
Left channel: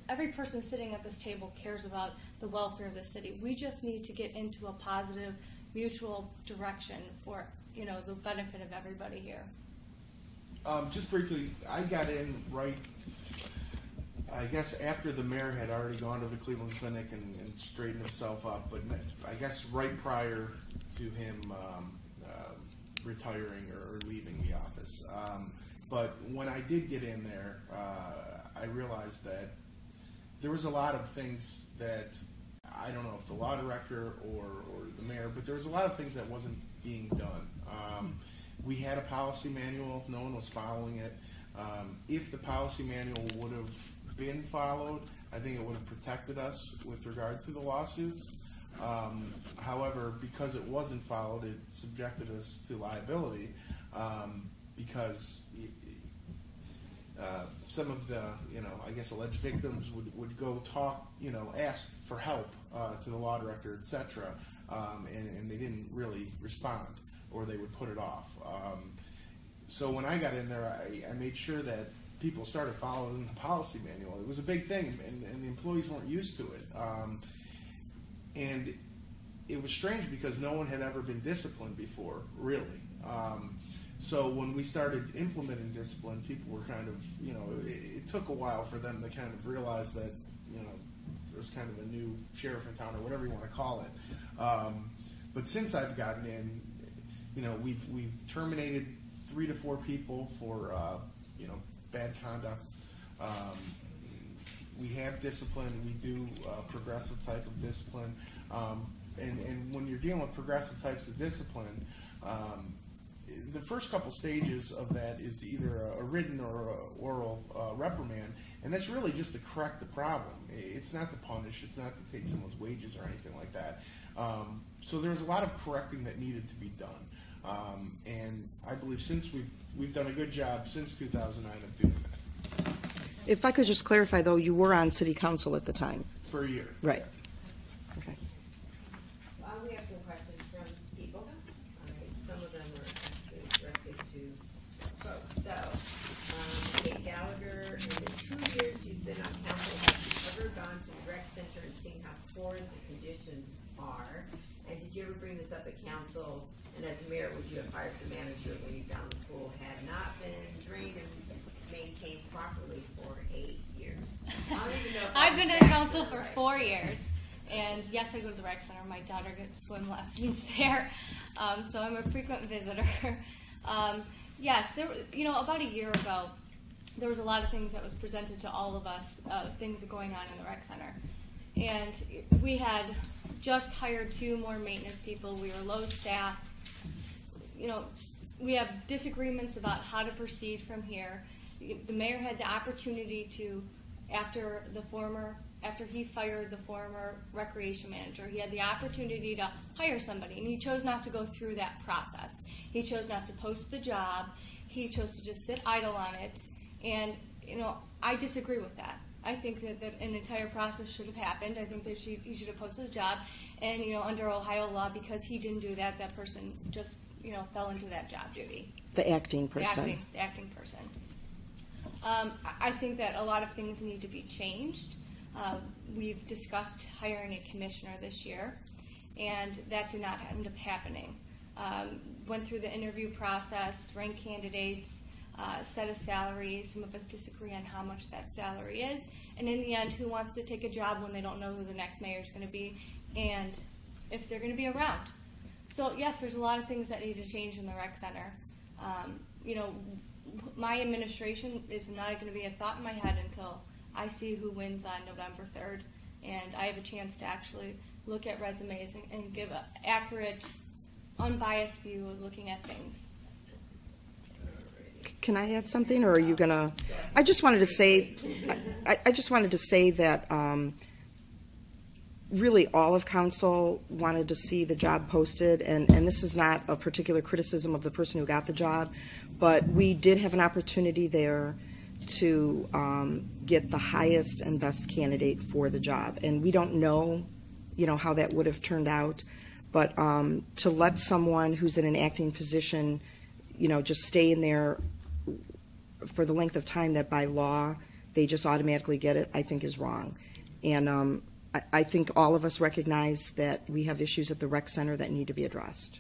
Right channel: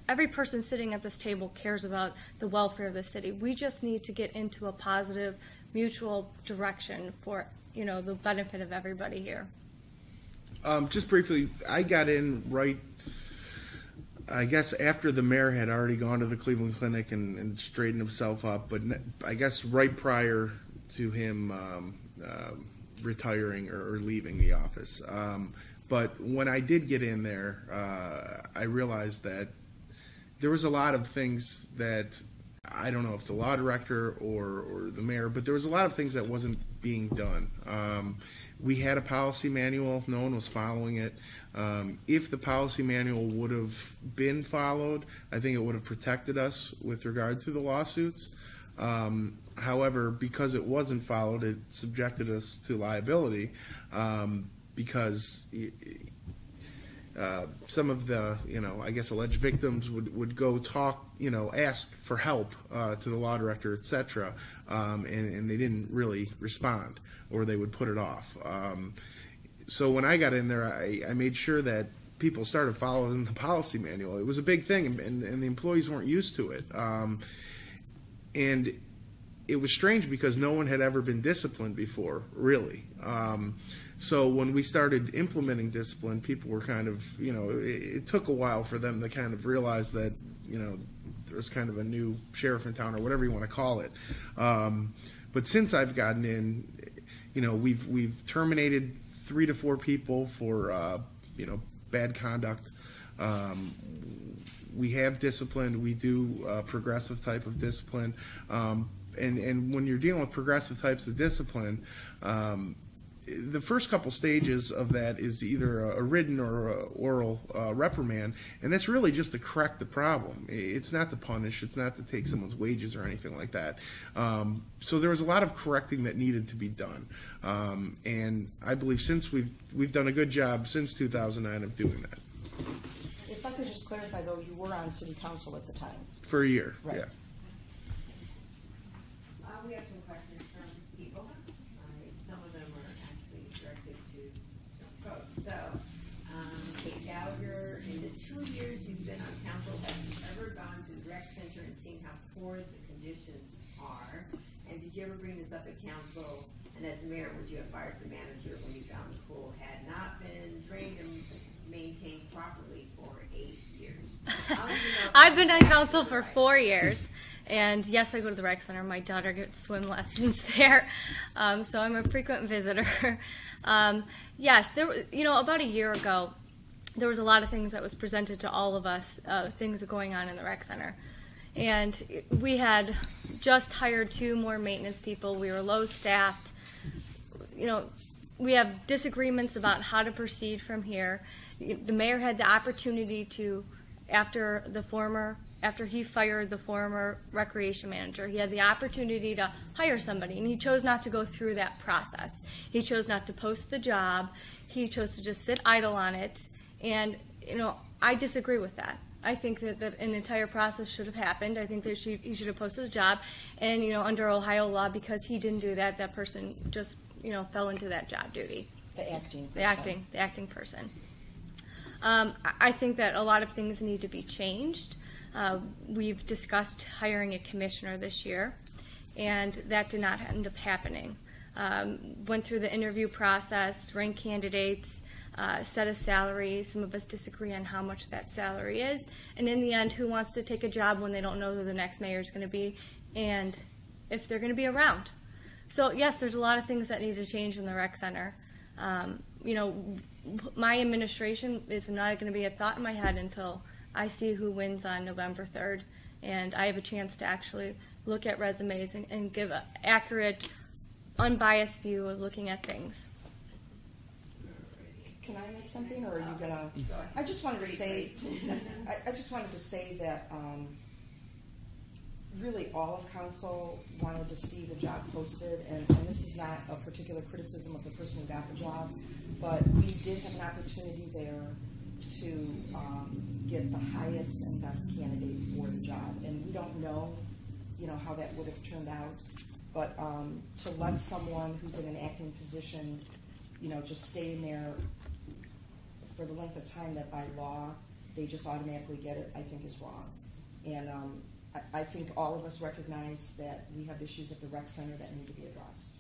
every person sitting at this table cares about the welfare of the city. We just need to get into a positive, mutual direction for, the benefit of everybody here. Just briefly, I got in right, I guess, after the mayor had already gone to the Cleveland Clinic and straightened himself up, but I guess right prior to him retiring or leaving the office. But when I did get in there, I realized that there was a lot of things that, I don't know if the law director or the mayor, but there was a lot of things that wasn't being done. We had a policy manual. No one was following it. If the policy manual would have been followed, I think it would have protected us with regard to the lawsuits. However, because it wasn't followed, it subjected us to liability because some of the, I guess alleged victims would go talk, ask for help to the law director, etc., and they didn't really respond, or they would put it off. So when I got in there, I made sure that people started following the policy manual. It was a big thing, and the employees weren't used to it. And it was strange because no one had ever been disciplined before, really. So when we started implementing discipline, people were kind of, it took a while for them to kind of realize that, there was kind of a new sheriff in town or whatever you want to call it. But since I've gotten in, we've terminated 3 to 4 people for, bad conduct. We have discipline. We do progressive type of discipline. And when you're dealing with progressive types of discipline, the first couple stages of that is either a written or a oral reprimand, and that's really just to correct the problem. It's not to punish. It's not to take someone's wages or anything like that. So there was a lot of correcting that needed to be done, and I believe since we've done a good job since 2009 of doing that. If I could just clarify, though, you were on city council at the time. For a year. Right. Yeah. We have some questions from people. Some of them are actually directed to folks. So, Kate Gallagher, in the 2 years you've been on council, have you ever gone to the rec center and seen how poor the conditions are? And did you ever bring this up at council? And as the mayor, would you have fired the manager when you found the pool had not been drained and maintained properly for 8 years? I've been on council for 4 years, and yes, I go to the rec center. My daughter gets swim lessons there, so I'm a frequent visitor. Yes, there, about a year ago, there was a lot of things that was presented to all of us, things going on in the rec center, and we had just hired 2 more maintenance people. We were low staffed. We have disagreements about how to proceed from here. The mayor had the opportunity to, after he fired the former recreation manager, he had the opportunity to hire somebody, and he chose not to go through that process. He chose not to post the job. He chose to just sit idle on it, and I disagree with that. I think that an entire process should have happened. I think that he should have posted the job, and under Ohio law, because he didn't do that, that person just fell into that job duty. The acting person. The acting person. I think that a lot of things need to be changed. We've discussed hiring a commissioner this year, and that did not end up happening. Went through the interview process, ranked candidates, set a salary. Some of us disagree on how much that salary is, and in the end, who wants to take a job when they don't know who the next mayor is going to be and if they're going to be around? So yes, there's a lot of things that need to change in the rec center. My administration is not going to be a thought in my head until I see who wins on November 3rd, and I have a chance to actually look at resumes and give an accurate, unbiased view of looking at things. Can I add something, or are you gonna? I just wanted to say that really all of council wanted to see the job posted, and this is not a particular criticism of the person who got the job, but we did have an opportunity there to get the highest and best candidate for the job, and we don't know, how that would have turned out, but to let someone who's in an acting position, just stay in there for the length of time that by law they just automatically get it, I think is wrong. And I think all of us recognize that we have issues at the rec center that need to be addressed.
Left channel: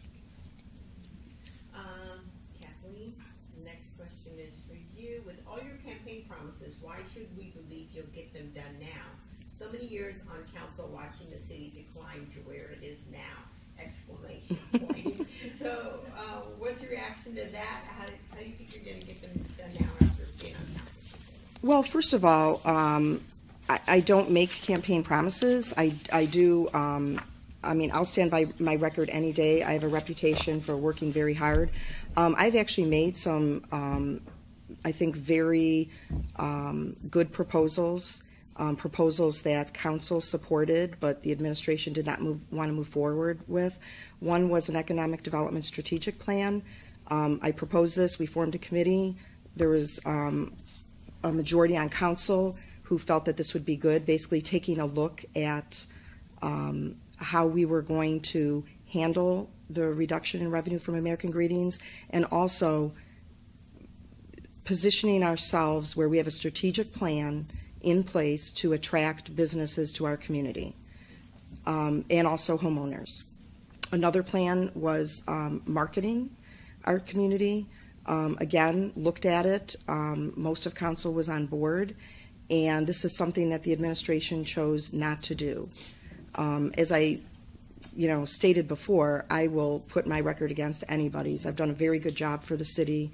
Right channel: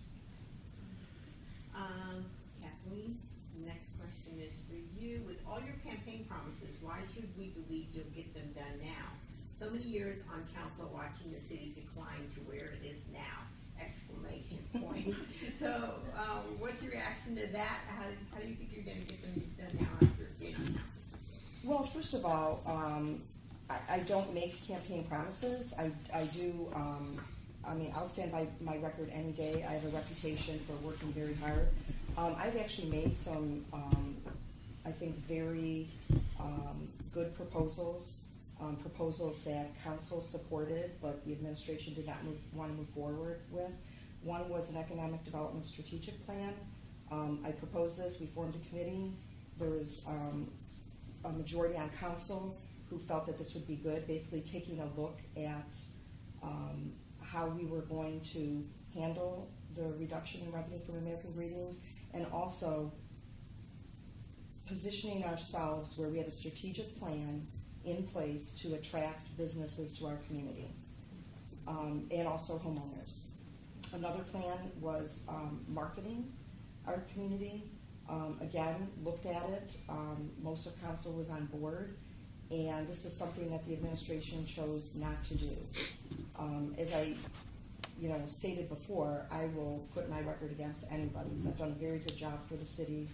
Kathleen, the next question is for you. With all your campaign promises, why should we believe you'll get them done now? So many years on council watching the city decline to where it is now! Exclamation point. So what's your reaction to that? How do you think you're going to get them done now after being on council? Well, first of all, I don't make campaign promises. I do, I'll stand by my record any day. I have a reputation for working very hard. I've actually made some, I think, very good proposals that council supported, but the administration did not want to move forward with. One was an economic development strategic plan. I proposed this. We formed a committee. There was a majority on council who felt that this would be good, basically taking a look at how we were going to handle the reduction in revenue from American Greetings, and also positioning ourselves where we have a strategic plan in place to attract businesses to our community, and also homeowners. Another plan was marketing our community. Again, looked at it. Most of council was on board, and this is something that the administration chose not to do. As I stated before, I will put my record against anybody's. I've done a very good job for the city,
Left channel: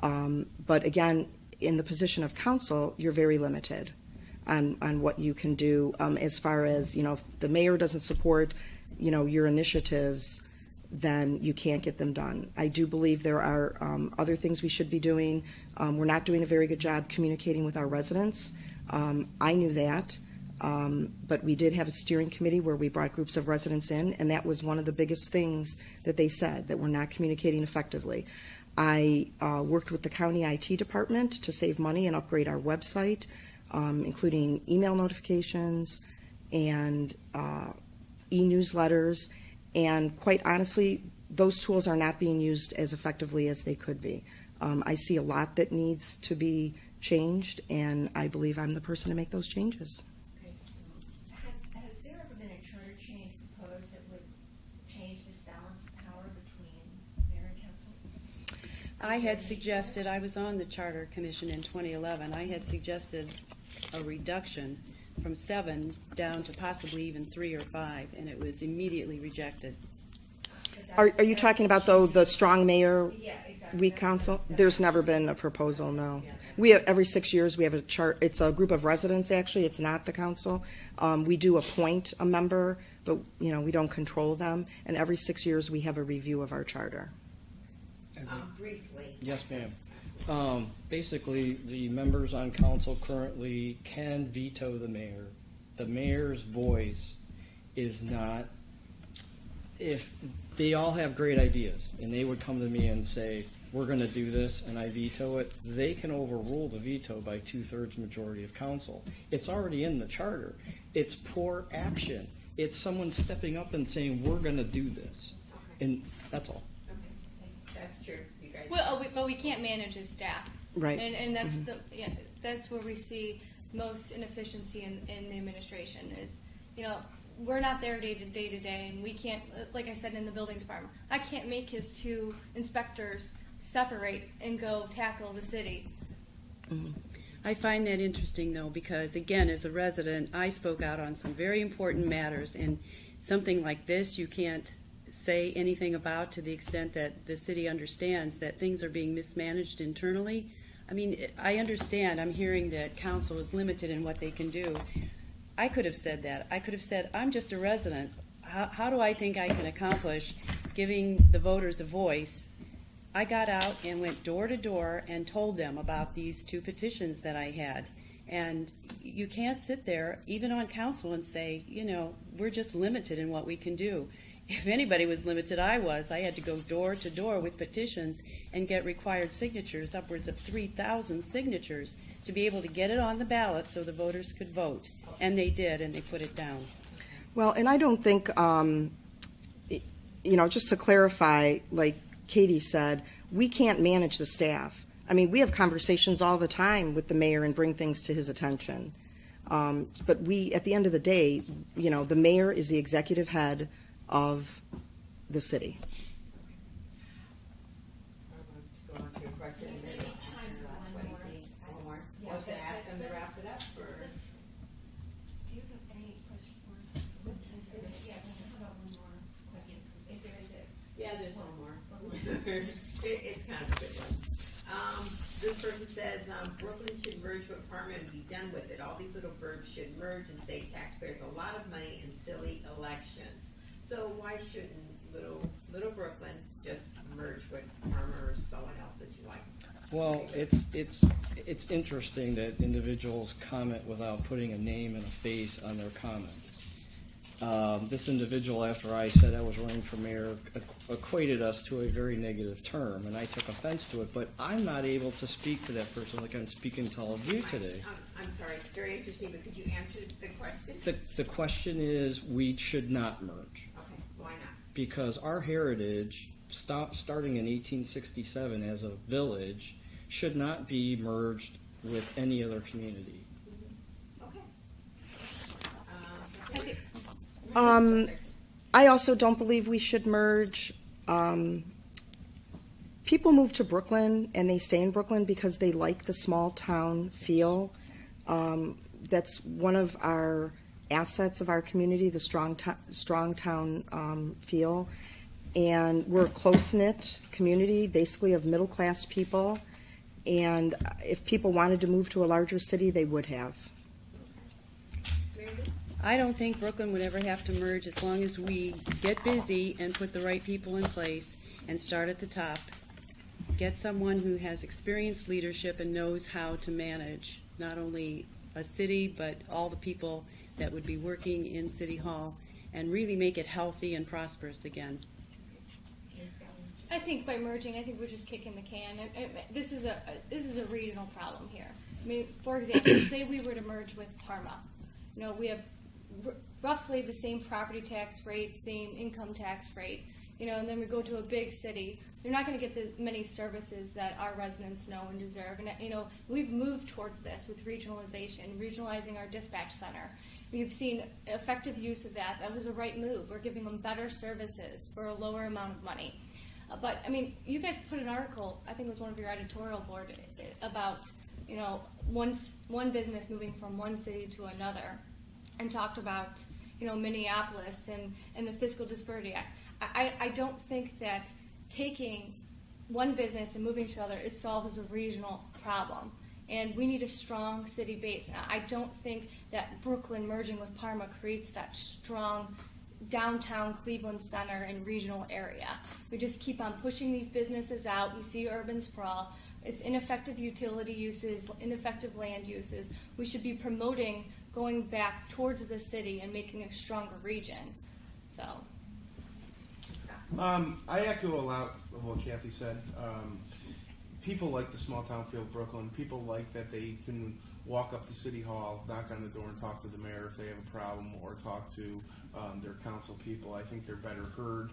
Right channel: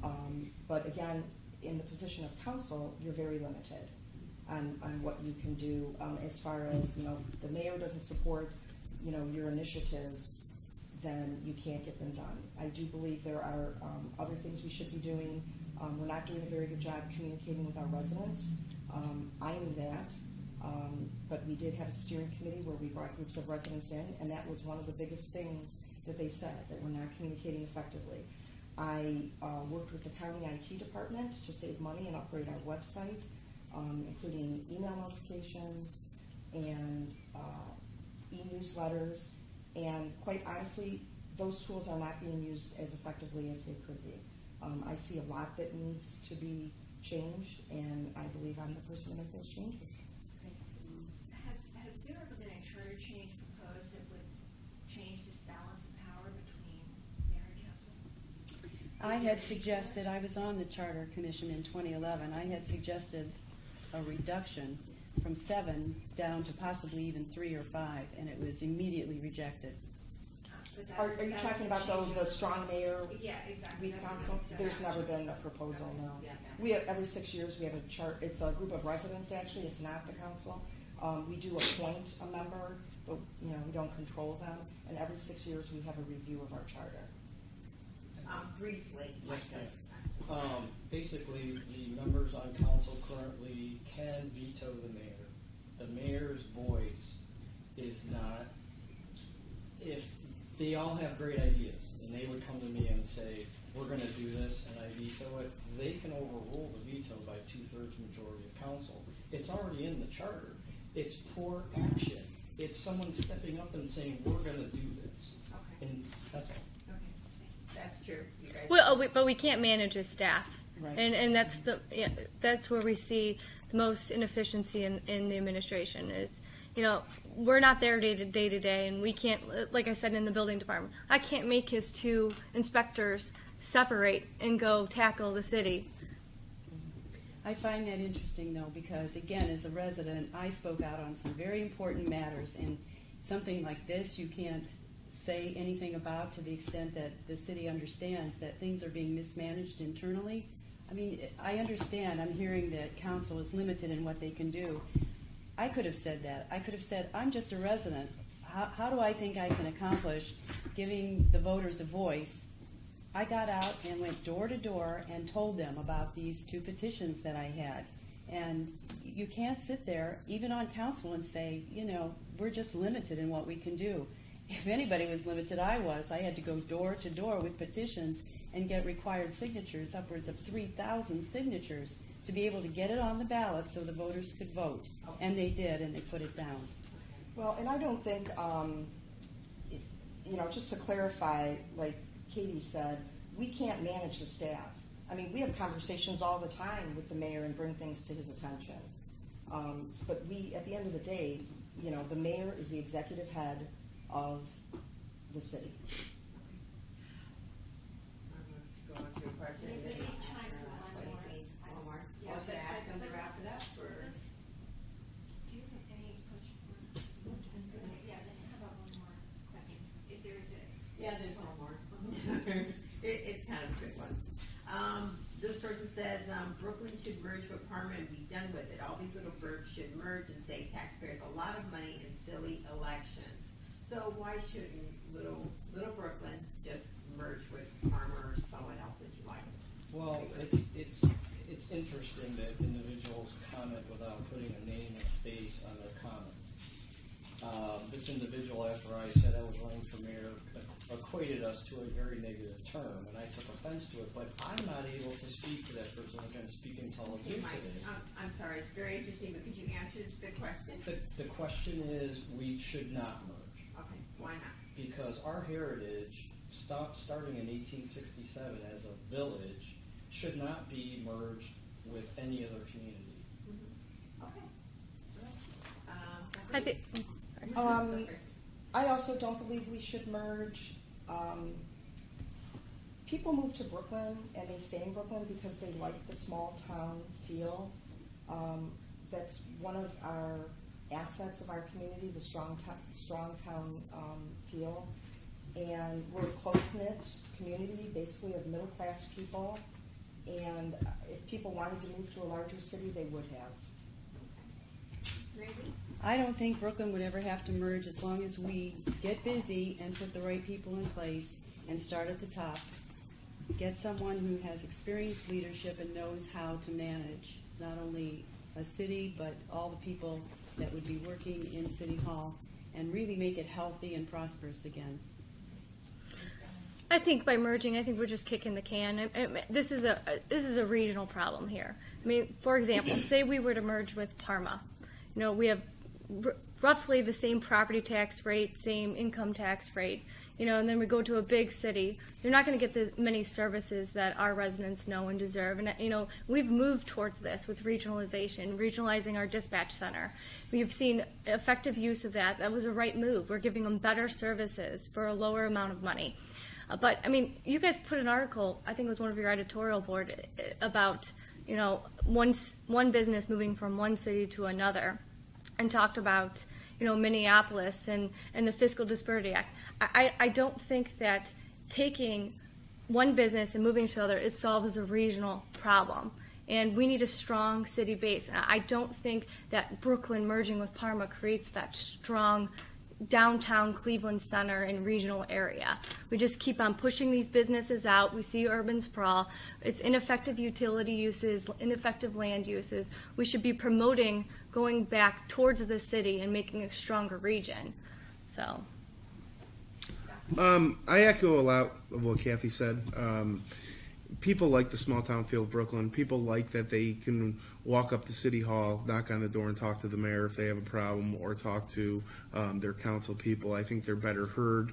but again, in the position of council, you're very limited on what you can do as far as, if the mayor doesn't support, your initiatives, then you can't get them done. I do believe there are other things we should be doing. We're not doing a very good job communicating with our residents. I knew that, but we did have a steering committee where we brought groups of residents in, and that was one of the biggest things that they said, that we're not communicating effectively. I worked with the county IT department to save money and upgrade our website, including email notifications and e-newsletters, and quite honestly, those tools are not being used as effectively as they could be. I see a lot that needs to be changed, and I believe I'm the person to make those changes. Has there ever been a charter change proposed that would change this balance of power between mayor and council? I had suggested, I was on the Charter Commission in 2011, I had suggested a reduction from 7 down to possibly even 3 or 5, and it was immediately rejected. Are you talking about, though, the strong mayor Yeah, exactly. week council? There's never been a proposal, no. We have, every 6 years we have a chart. It's a group of residents, actually. It's not the council. We do appoint a member, but we don't control them. And every 6 years we have a review of our charter. Briefly. Yes, ma'am. Basically, the members on council currently can veto the mayor. The mayor's voice is not, if they all have great ideas and they would come to me and say, we're going to do this, and I veto it, they can overrule the veto by 2/3 majority of council. It's already in the charter. It's poor action. It's someone stepping up and saying, we're going to do this. And that's all. That's true. You guys. Well, but we can't manage as staff. Right. And that's that's where we see the most inefficiency in the administration is, we're not there day to day, and we can't, like I said, in the building department, I can't make his 2 inspectors separate and go tackle the city. I find that interesting, though, because, again, as a resident, I spoke out on some very important matters, and something like this you can't say anything about to the extent that the city understands that things are being mismanaged internally. I mean, I understand. I'm hearing that council is limited in what they can do. I could have said that. I could have said, I'm just a resident. How do I think I can accomplish giving the voters a voice? I got out and went door to door and told them about these 2 petitions that I had. And you can't sit there, even on council, and say, we're just limited in what we can do. If anybody was limited, I was. I had to go door to door with petitions and get required signatures, upwards of 3,000 signatures, to be able to get it on the ballot so the voters could vote. And they did, and they put it down. Well, and I don't think, just to clarify, like Katie said, we can't manage the staff. I mean, we have conversations all the time with the mayor and bring things to his attention. But we, at the end of the day, the mayor is the executive head of the city. I'm going to go on to your question. And then Time for one more. Or to ask them to wrap it up, or? Do you have any questions? Yeah, how about one more question? If there is it. Yeah, there's one more. It's kind of a good one. This person says, Brooklyn should merge with Parma and be done with it. All these little boroughs should merge and save taxpayers a lot of money in silly elections. So why shouldn't little Brooklyn just merge with Parma or someone else that you like? Well, it's interesting that individuals comment without putting a name and a face on their comment. This individual, after I said I was running for mayor, equated us to a very negative term, and I took offense to it, but I'm not able to speak to that person like I'm speaking to all of you today. I'm sorry, it's very interesting, but could you answer the question? The question is, we should not merge. Okay, why not? Because our heritage, starting in 1867 as a village, should not be merged with any other community. Okay. I think, I also don't believe we should merge. People move to Brooklyn and they stay in Brooklyn because they like the small town feel. That's one of our assets of our community, the strong town feel. And we're a close-knit community, basically of middle-class people. And if people wanted to move to a larger city, they would have. I don't think Brooklyn would ever have to merge as long as we get busy and put the right people in place and start at the top. Get someone who has experienced leadership and knows how to manage not only a city but all the people that would be working in City Hall and really make it healthy and prosperous again. I think by merging, I think we're just kicking the can. This is a regional problem here. I mean, for example, say we were to merge with Parma. You know, we have roughly the same property tax rate, same income tax rate. You know, and then we go to a big city. You're not going to get the many services that our residents know and deserve. And you know, we've moved towards this with regionalizing our dispatch center. We've seen effective use of that. That was a right move. We're giving them better services for a lower amount of money. But I mean, you guys put an article, I think it was one of your editorial board, about, you know, one business moving from one city to another, and talked about, you know, Minneapolis and the Fiscal Disparity Act. I don't think that taking one business and moving to another, it solves a regional problem. And we need a strong city base. I don't think that Brooklyn merging with Parma creates that strong downtown Cleveland center and regional area. We just keep on pushing these businesses out. We see urban sprawl. It's ineffective utility uses, ineffective land uses. We should be promoting going back towards the city and making a stronger region. So. I echo a lot of what Kathy said. People like the small town feel of Brooklyn. People like that they can walk up to City Hall, knock on the door, and talk to the mayor if they have a problem, or talk to their council people. I think they're better heard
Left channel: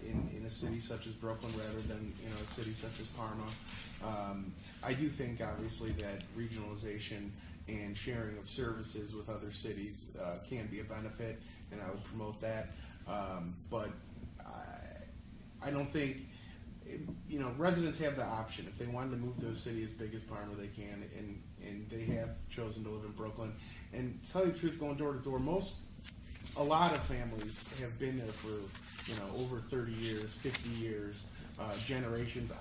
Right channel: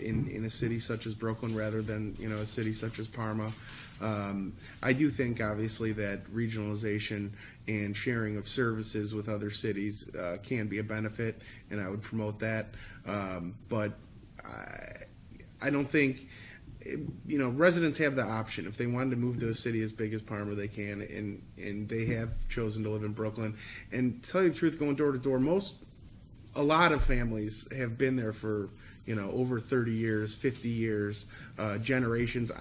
in a city such as Brooklyn rather than, you know, a city such as Parma. I do think, obviously, that regionalization and sharing of services with other cities can be a benefit, and I would promote that. But I don't think, you know, residents have the option. If they wanted to move to a city as big as Parma, they can, and they have chosen to live in Brooklyn. And to tell you the truth, going door to door, a lot of families have been there for, you know, over 30 years, 50 years, generations.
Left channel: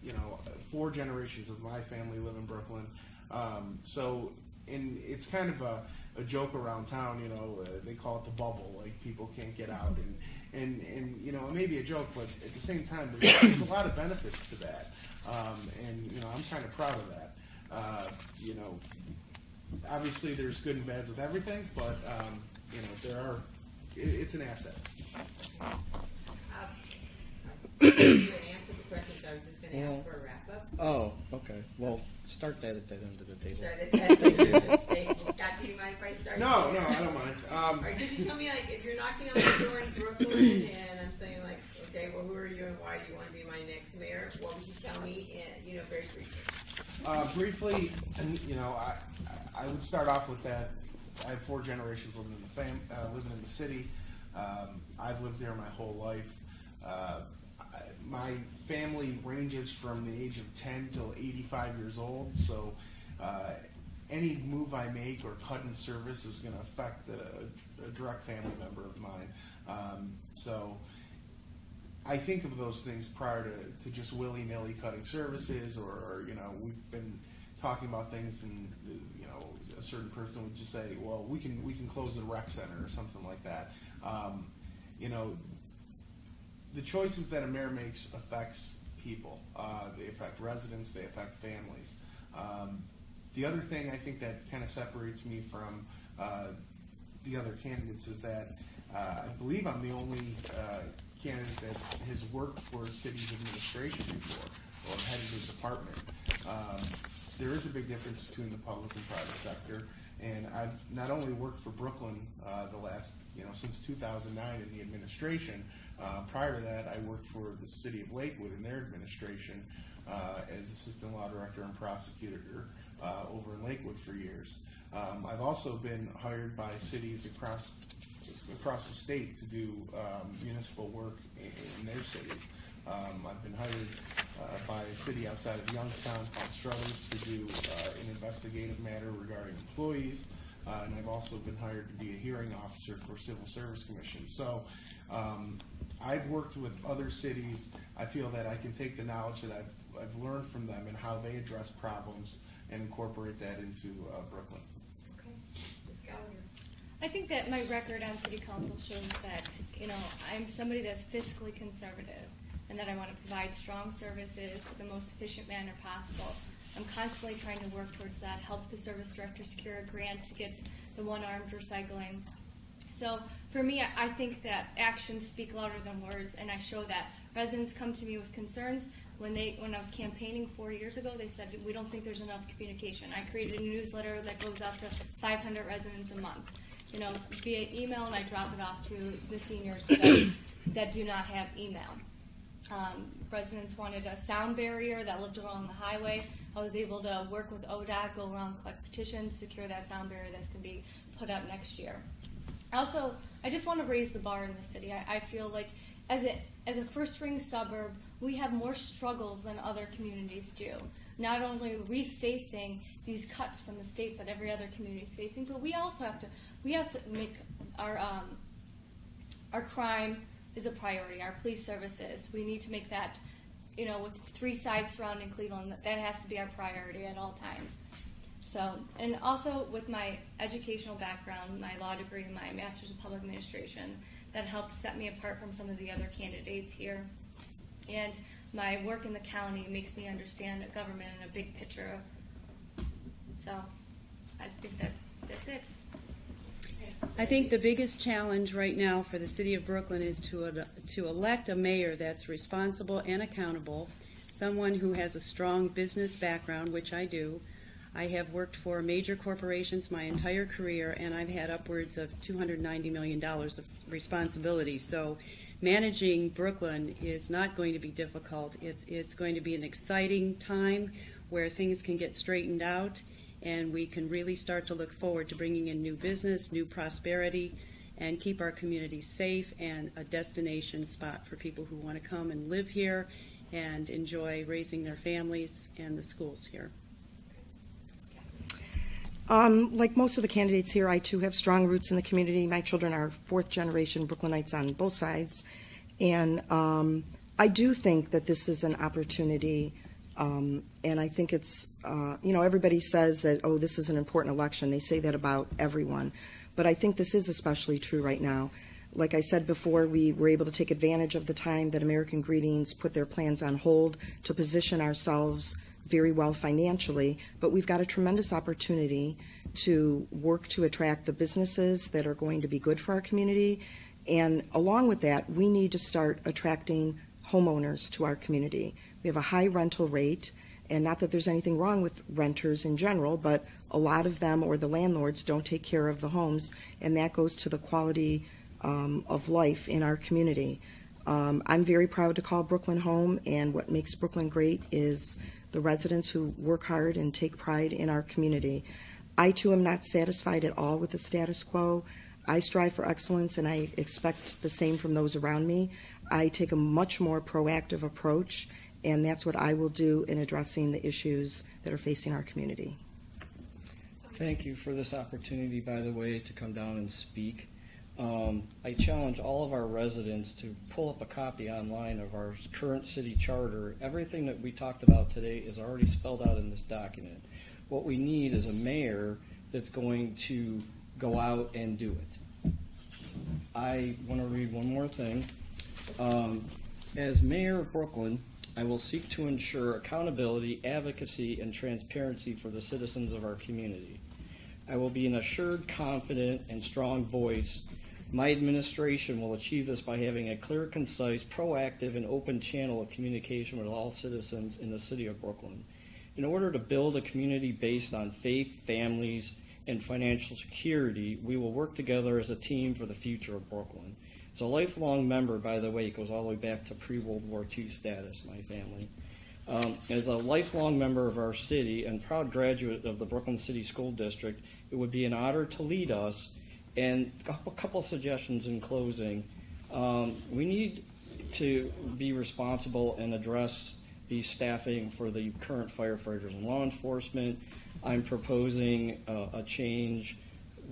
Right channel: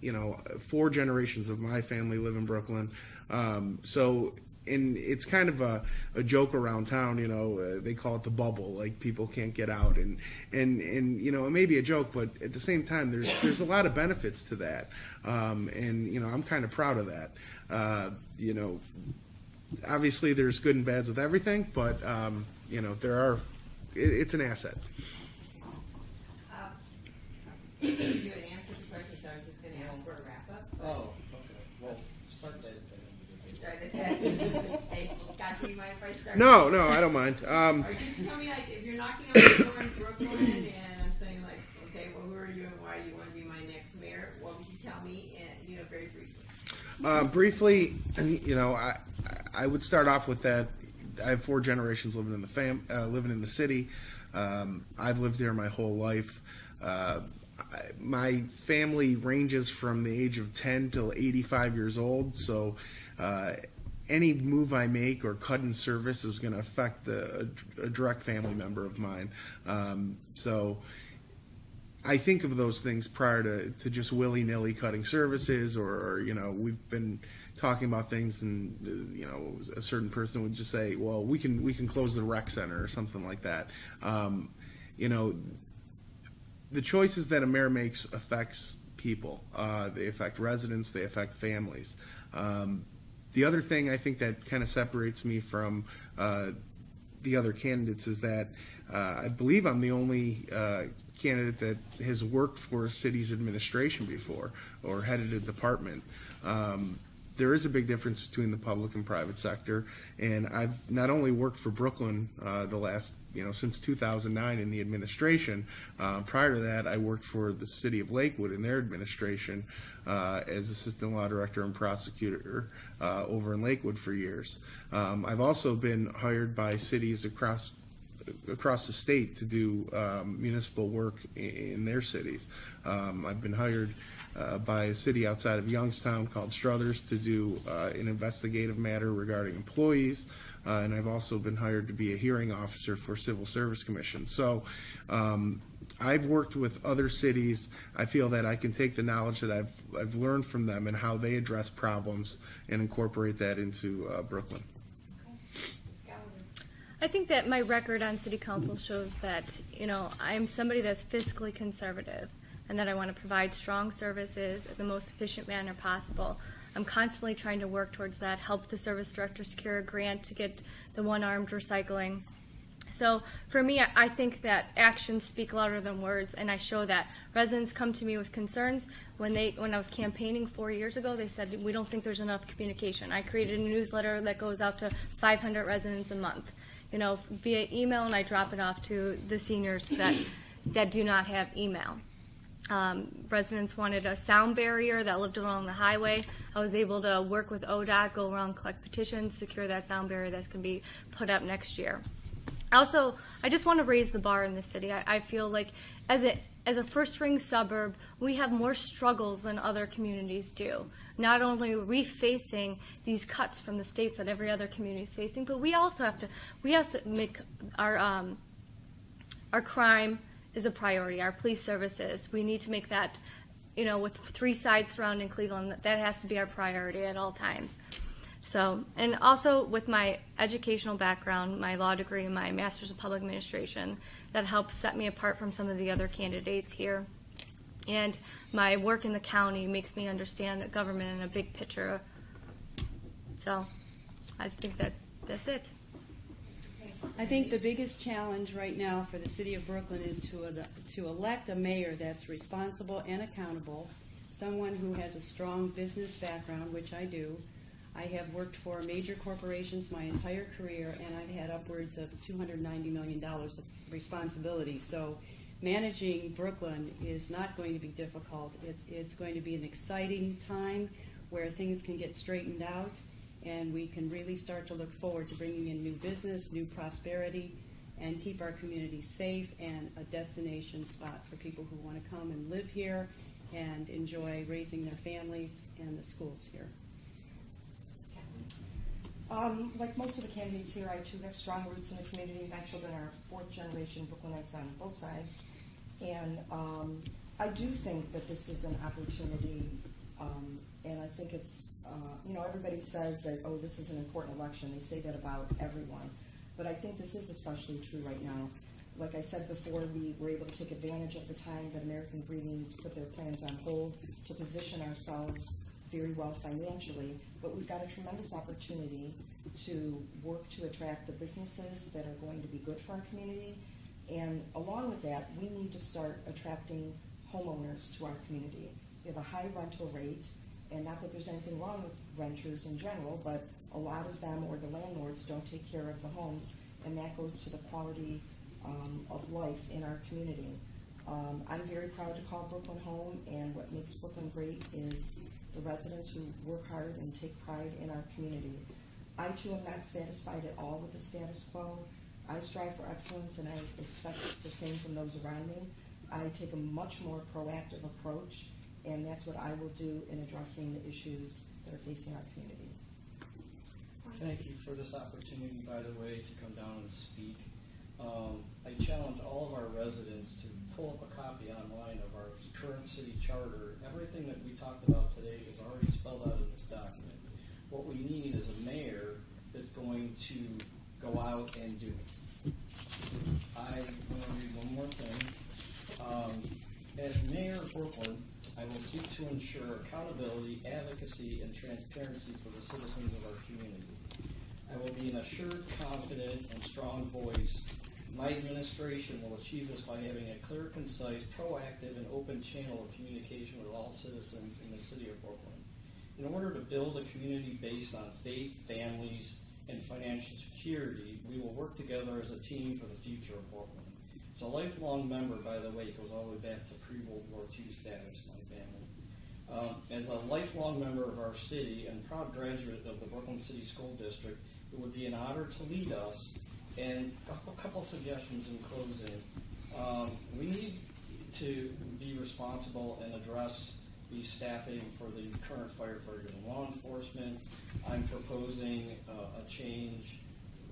You know, 4 generations of my family live in Brooklyn. And it's kind of a joke around town, you know, they call it the bubble, like people can't get out, and you know, it may be a joke, but at the same time, there's a lot of benefits to that, and you know, I'm kind of proud of that. You know, obviously there's good and bads with everything, but you know, it's an asset. You had answered the question, so I was just going to ask for a wrap up. Oh, okay. Well, start that at that end of the table. Start at that table. Scott, do you mind if I start? No, I don't mind. Or could you tell me, like, if you're knocking on the door in Brooklyn and I'm saying, like, okay, well, who are you and why do you want to be my next mayor? What would you tell me, you know, very briefly? Briefly, you know, I would start off with that. I have 4 generations living in the city. I've lived there my whole life. My family ranges from the age of 10 till 85 years old, so any move I make or cut in service is going to affect a direct family member of mine. So I think of those things prior to just willy-nilly cutting services, or you know, we've been talking about things, and you know, a certain person would just say, well, we can close the rec center or something like that. You know, the choices that a mayor makes affects people. They affect residents, they affect families. The other thing I think that kind of separates me from the other candidates is that I believe I'm the only candidate that has worked for a city's administration before or headed a department. There is a big difference between the public and private sector, and I've not only worked for Brooklyn the last, you know, since 2009 in the administration. Prior to that, I worked for the city of Lakewood in their administration as assistant law director and prosecutor over in Lakewood for years. I've also been hired by cities across across the state to do municipal work in their cities. I've been hired by a city outside of Youngstown called Struthers to do an investigative matter regarding employees, and I've also been hired to be a hearing officer for Civil Service Commission. So I've worked with other cities. I feel that I can take the knowledge that I've learned from them and how they address problems and incorporate that into Brooklyn. I think that my record on city council shows that, I'm somebody that's fiscally conservative and that I want to provide strong services in the most efficient manner possible. I'm constantly trying to work towards that, help the service director secure a grant to get the one-armed recycling. So for me, I think that actions speak louder than words, and I show that. Residents come to me with concerns. When I was campaigning 4 years ago, they said, we don't think there's enough communication. I created a newsletter that goes out to 500 residents a month, via email, and I drop it off to the seniors that do not have email. Residents wanted a sound barrier that lived along the highway. I was able to work with ODOT, go around, collect petitions, secure that sound barrier that's going to be put up next year. Also, I just want to raise the bar in the city. I feel like as a first-ring suburb, we have more struggles than other communities do. Not only are we facing these cuts from the states that every other community is facing, but we also have to make our crime is a priority. Our police services, we need to make that, with 3 sides surrounding Cleveland, that has to be our priority at all times. So, and also with my educational background, my law degree and my master's of public administration, that helps set me apart from some of the other candidates here. And my work in the county makes me understand government in a big picture. So I think that's it. I think the biggest challenge right now for the city of Brooklyn is to elect a mayor that's responsible and accountable, someone who has a strong business background, which I do. I have worked for major corporations my entire career, and I've had upwards of $290 million of responsibility. So managing Brooklyn is not going to be difficult. It's going to be an exciting time where things can get straightened out, and we can really start to look forward to bringing in new business, new prosperity, and keep our community safe and a destination spot for people who want to come and live here and enjoy raising their families and the schools here. Like most of the candidates here, I too have strong roots in the community. My children are 4th generation Brooklynites on both sides. And I do think that this is an opportunity, and I think it's, everybody says that, oh, this is an important election. They say that about everyone. But I think this is especially true right now. Like I said before, we were able to take advantage of the time that American Greetings put their plans on hold to position ourselves very well financially, but we've got a tremendous opportunity to work to attract the businesses that are going to be good for our community. And along with that, we need to start attracting homeowners to our community. We have a high rental rate, and not that there's anything wrong with renters in general, but a lot of them, or the landlords, don't take care of the homes, and that goes to the quality of life in our community. I'm very proud to call Brooklyn home, and what makes Brooklyn great is the residents who work hard and take pride in our community. I too am not satisfied at all with the status quo. I strive for excellence, and I expect the same from those around me. I take a much more proactive approach, and that's what I will do in addressing the issues that are facing our community. Thank you for this opportunity, by the way, to come down and speak. I challenge all of our residents to pull up a copy online of our current city charter. Everything that we talked about today is already spelled out in this document. What we need is a mayor that's going to go out and do it. I want to read one more thing. As mayor of Brooklyn, I will seek to ensure accountability, advocacy, and transparency for the citizens of our community. I will be an assured, confident, and strong voice. My administration will achieve this by having a clear, concise, proactive, and open channel of communication with all citizens in the city of Brooklyn. In order to build a community based on faith, families, and financial security, we will work together as a team for the future of Brooklyn. As a lifelong member, by the way, it goes all the way back to pre-World War II status, my family. As a lifelong member of our city and proud graduate of the Brooklyn City School District, it would be an honor to lead us And a couple suggestions in closing. We need to be responsible and address the staffing for the current firefighters and law enforcement. I'm proposing a change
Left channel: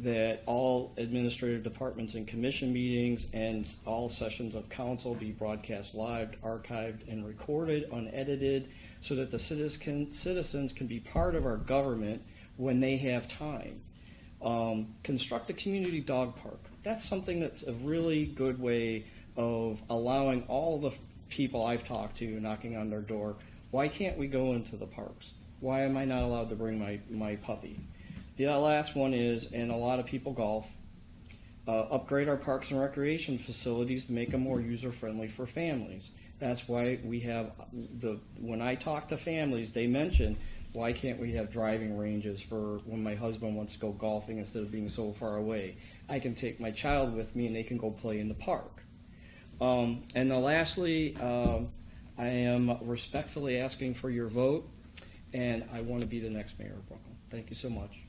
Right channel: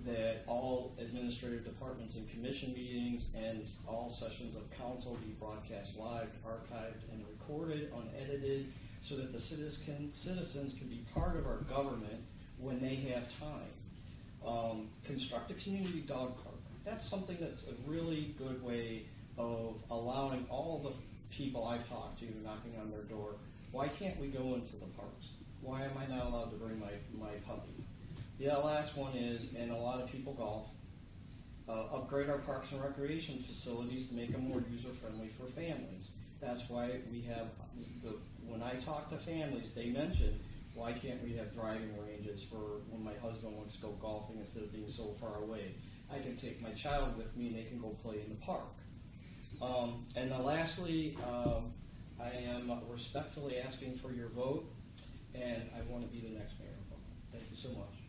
that all administrative departments and commission meetings and all sessions of council be broadcast live, archived, and recorded, unedited, so that the citizens can be part of our government when they have time. Construct a community dog park. That's something that's a really good way of allowing all the people I've talked to knocking on their door, why can't we go into the parks? Why am I not allowed to bring my puppy? The last one is, and a lot of people golf, upgrade our parks and recreation facilities to make them more user-friendly for families. That's why we have when I talk to families, they mention, why can't we have driving ranges for when my husband wants to go golfing instead of being so far away? I can take my child with me and they can go play in the park. And then lastly, I am respectfully asking for your vote, and I want to be the next mayor of Brooklyn. Thank you so much.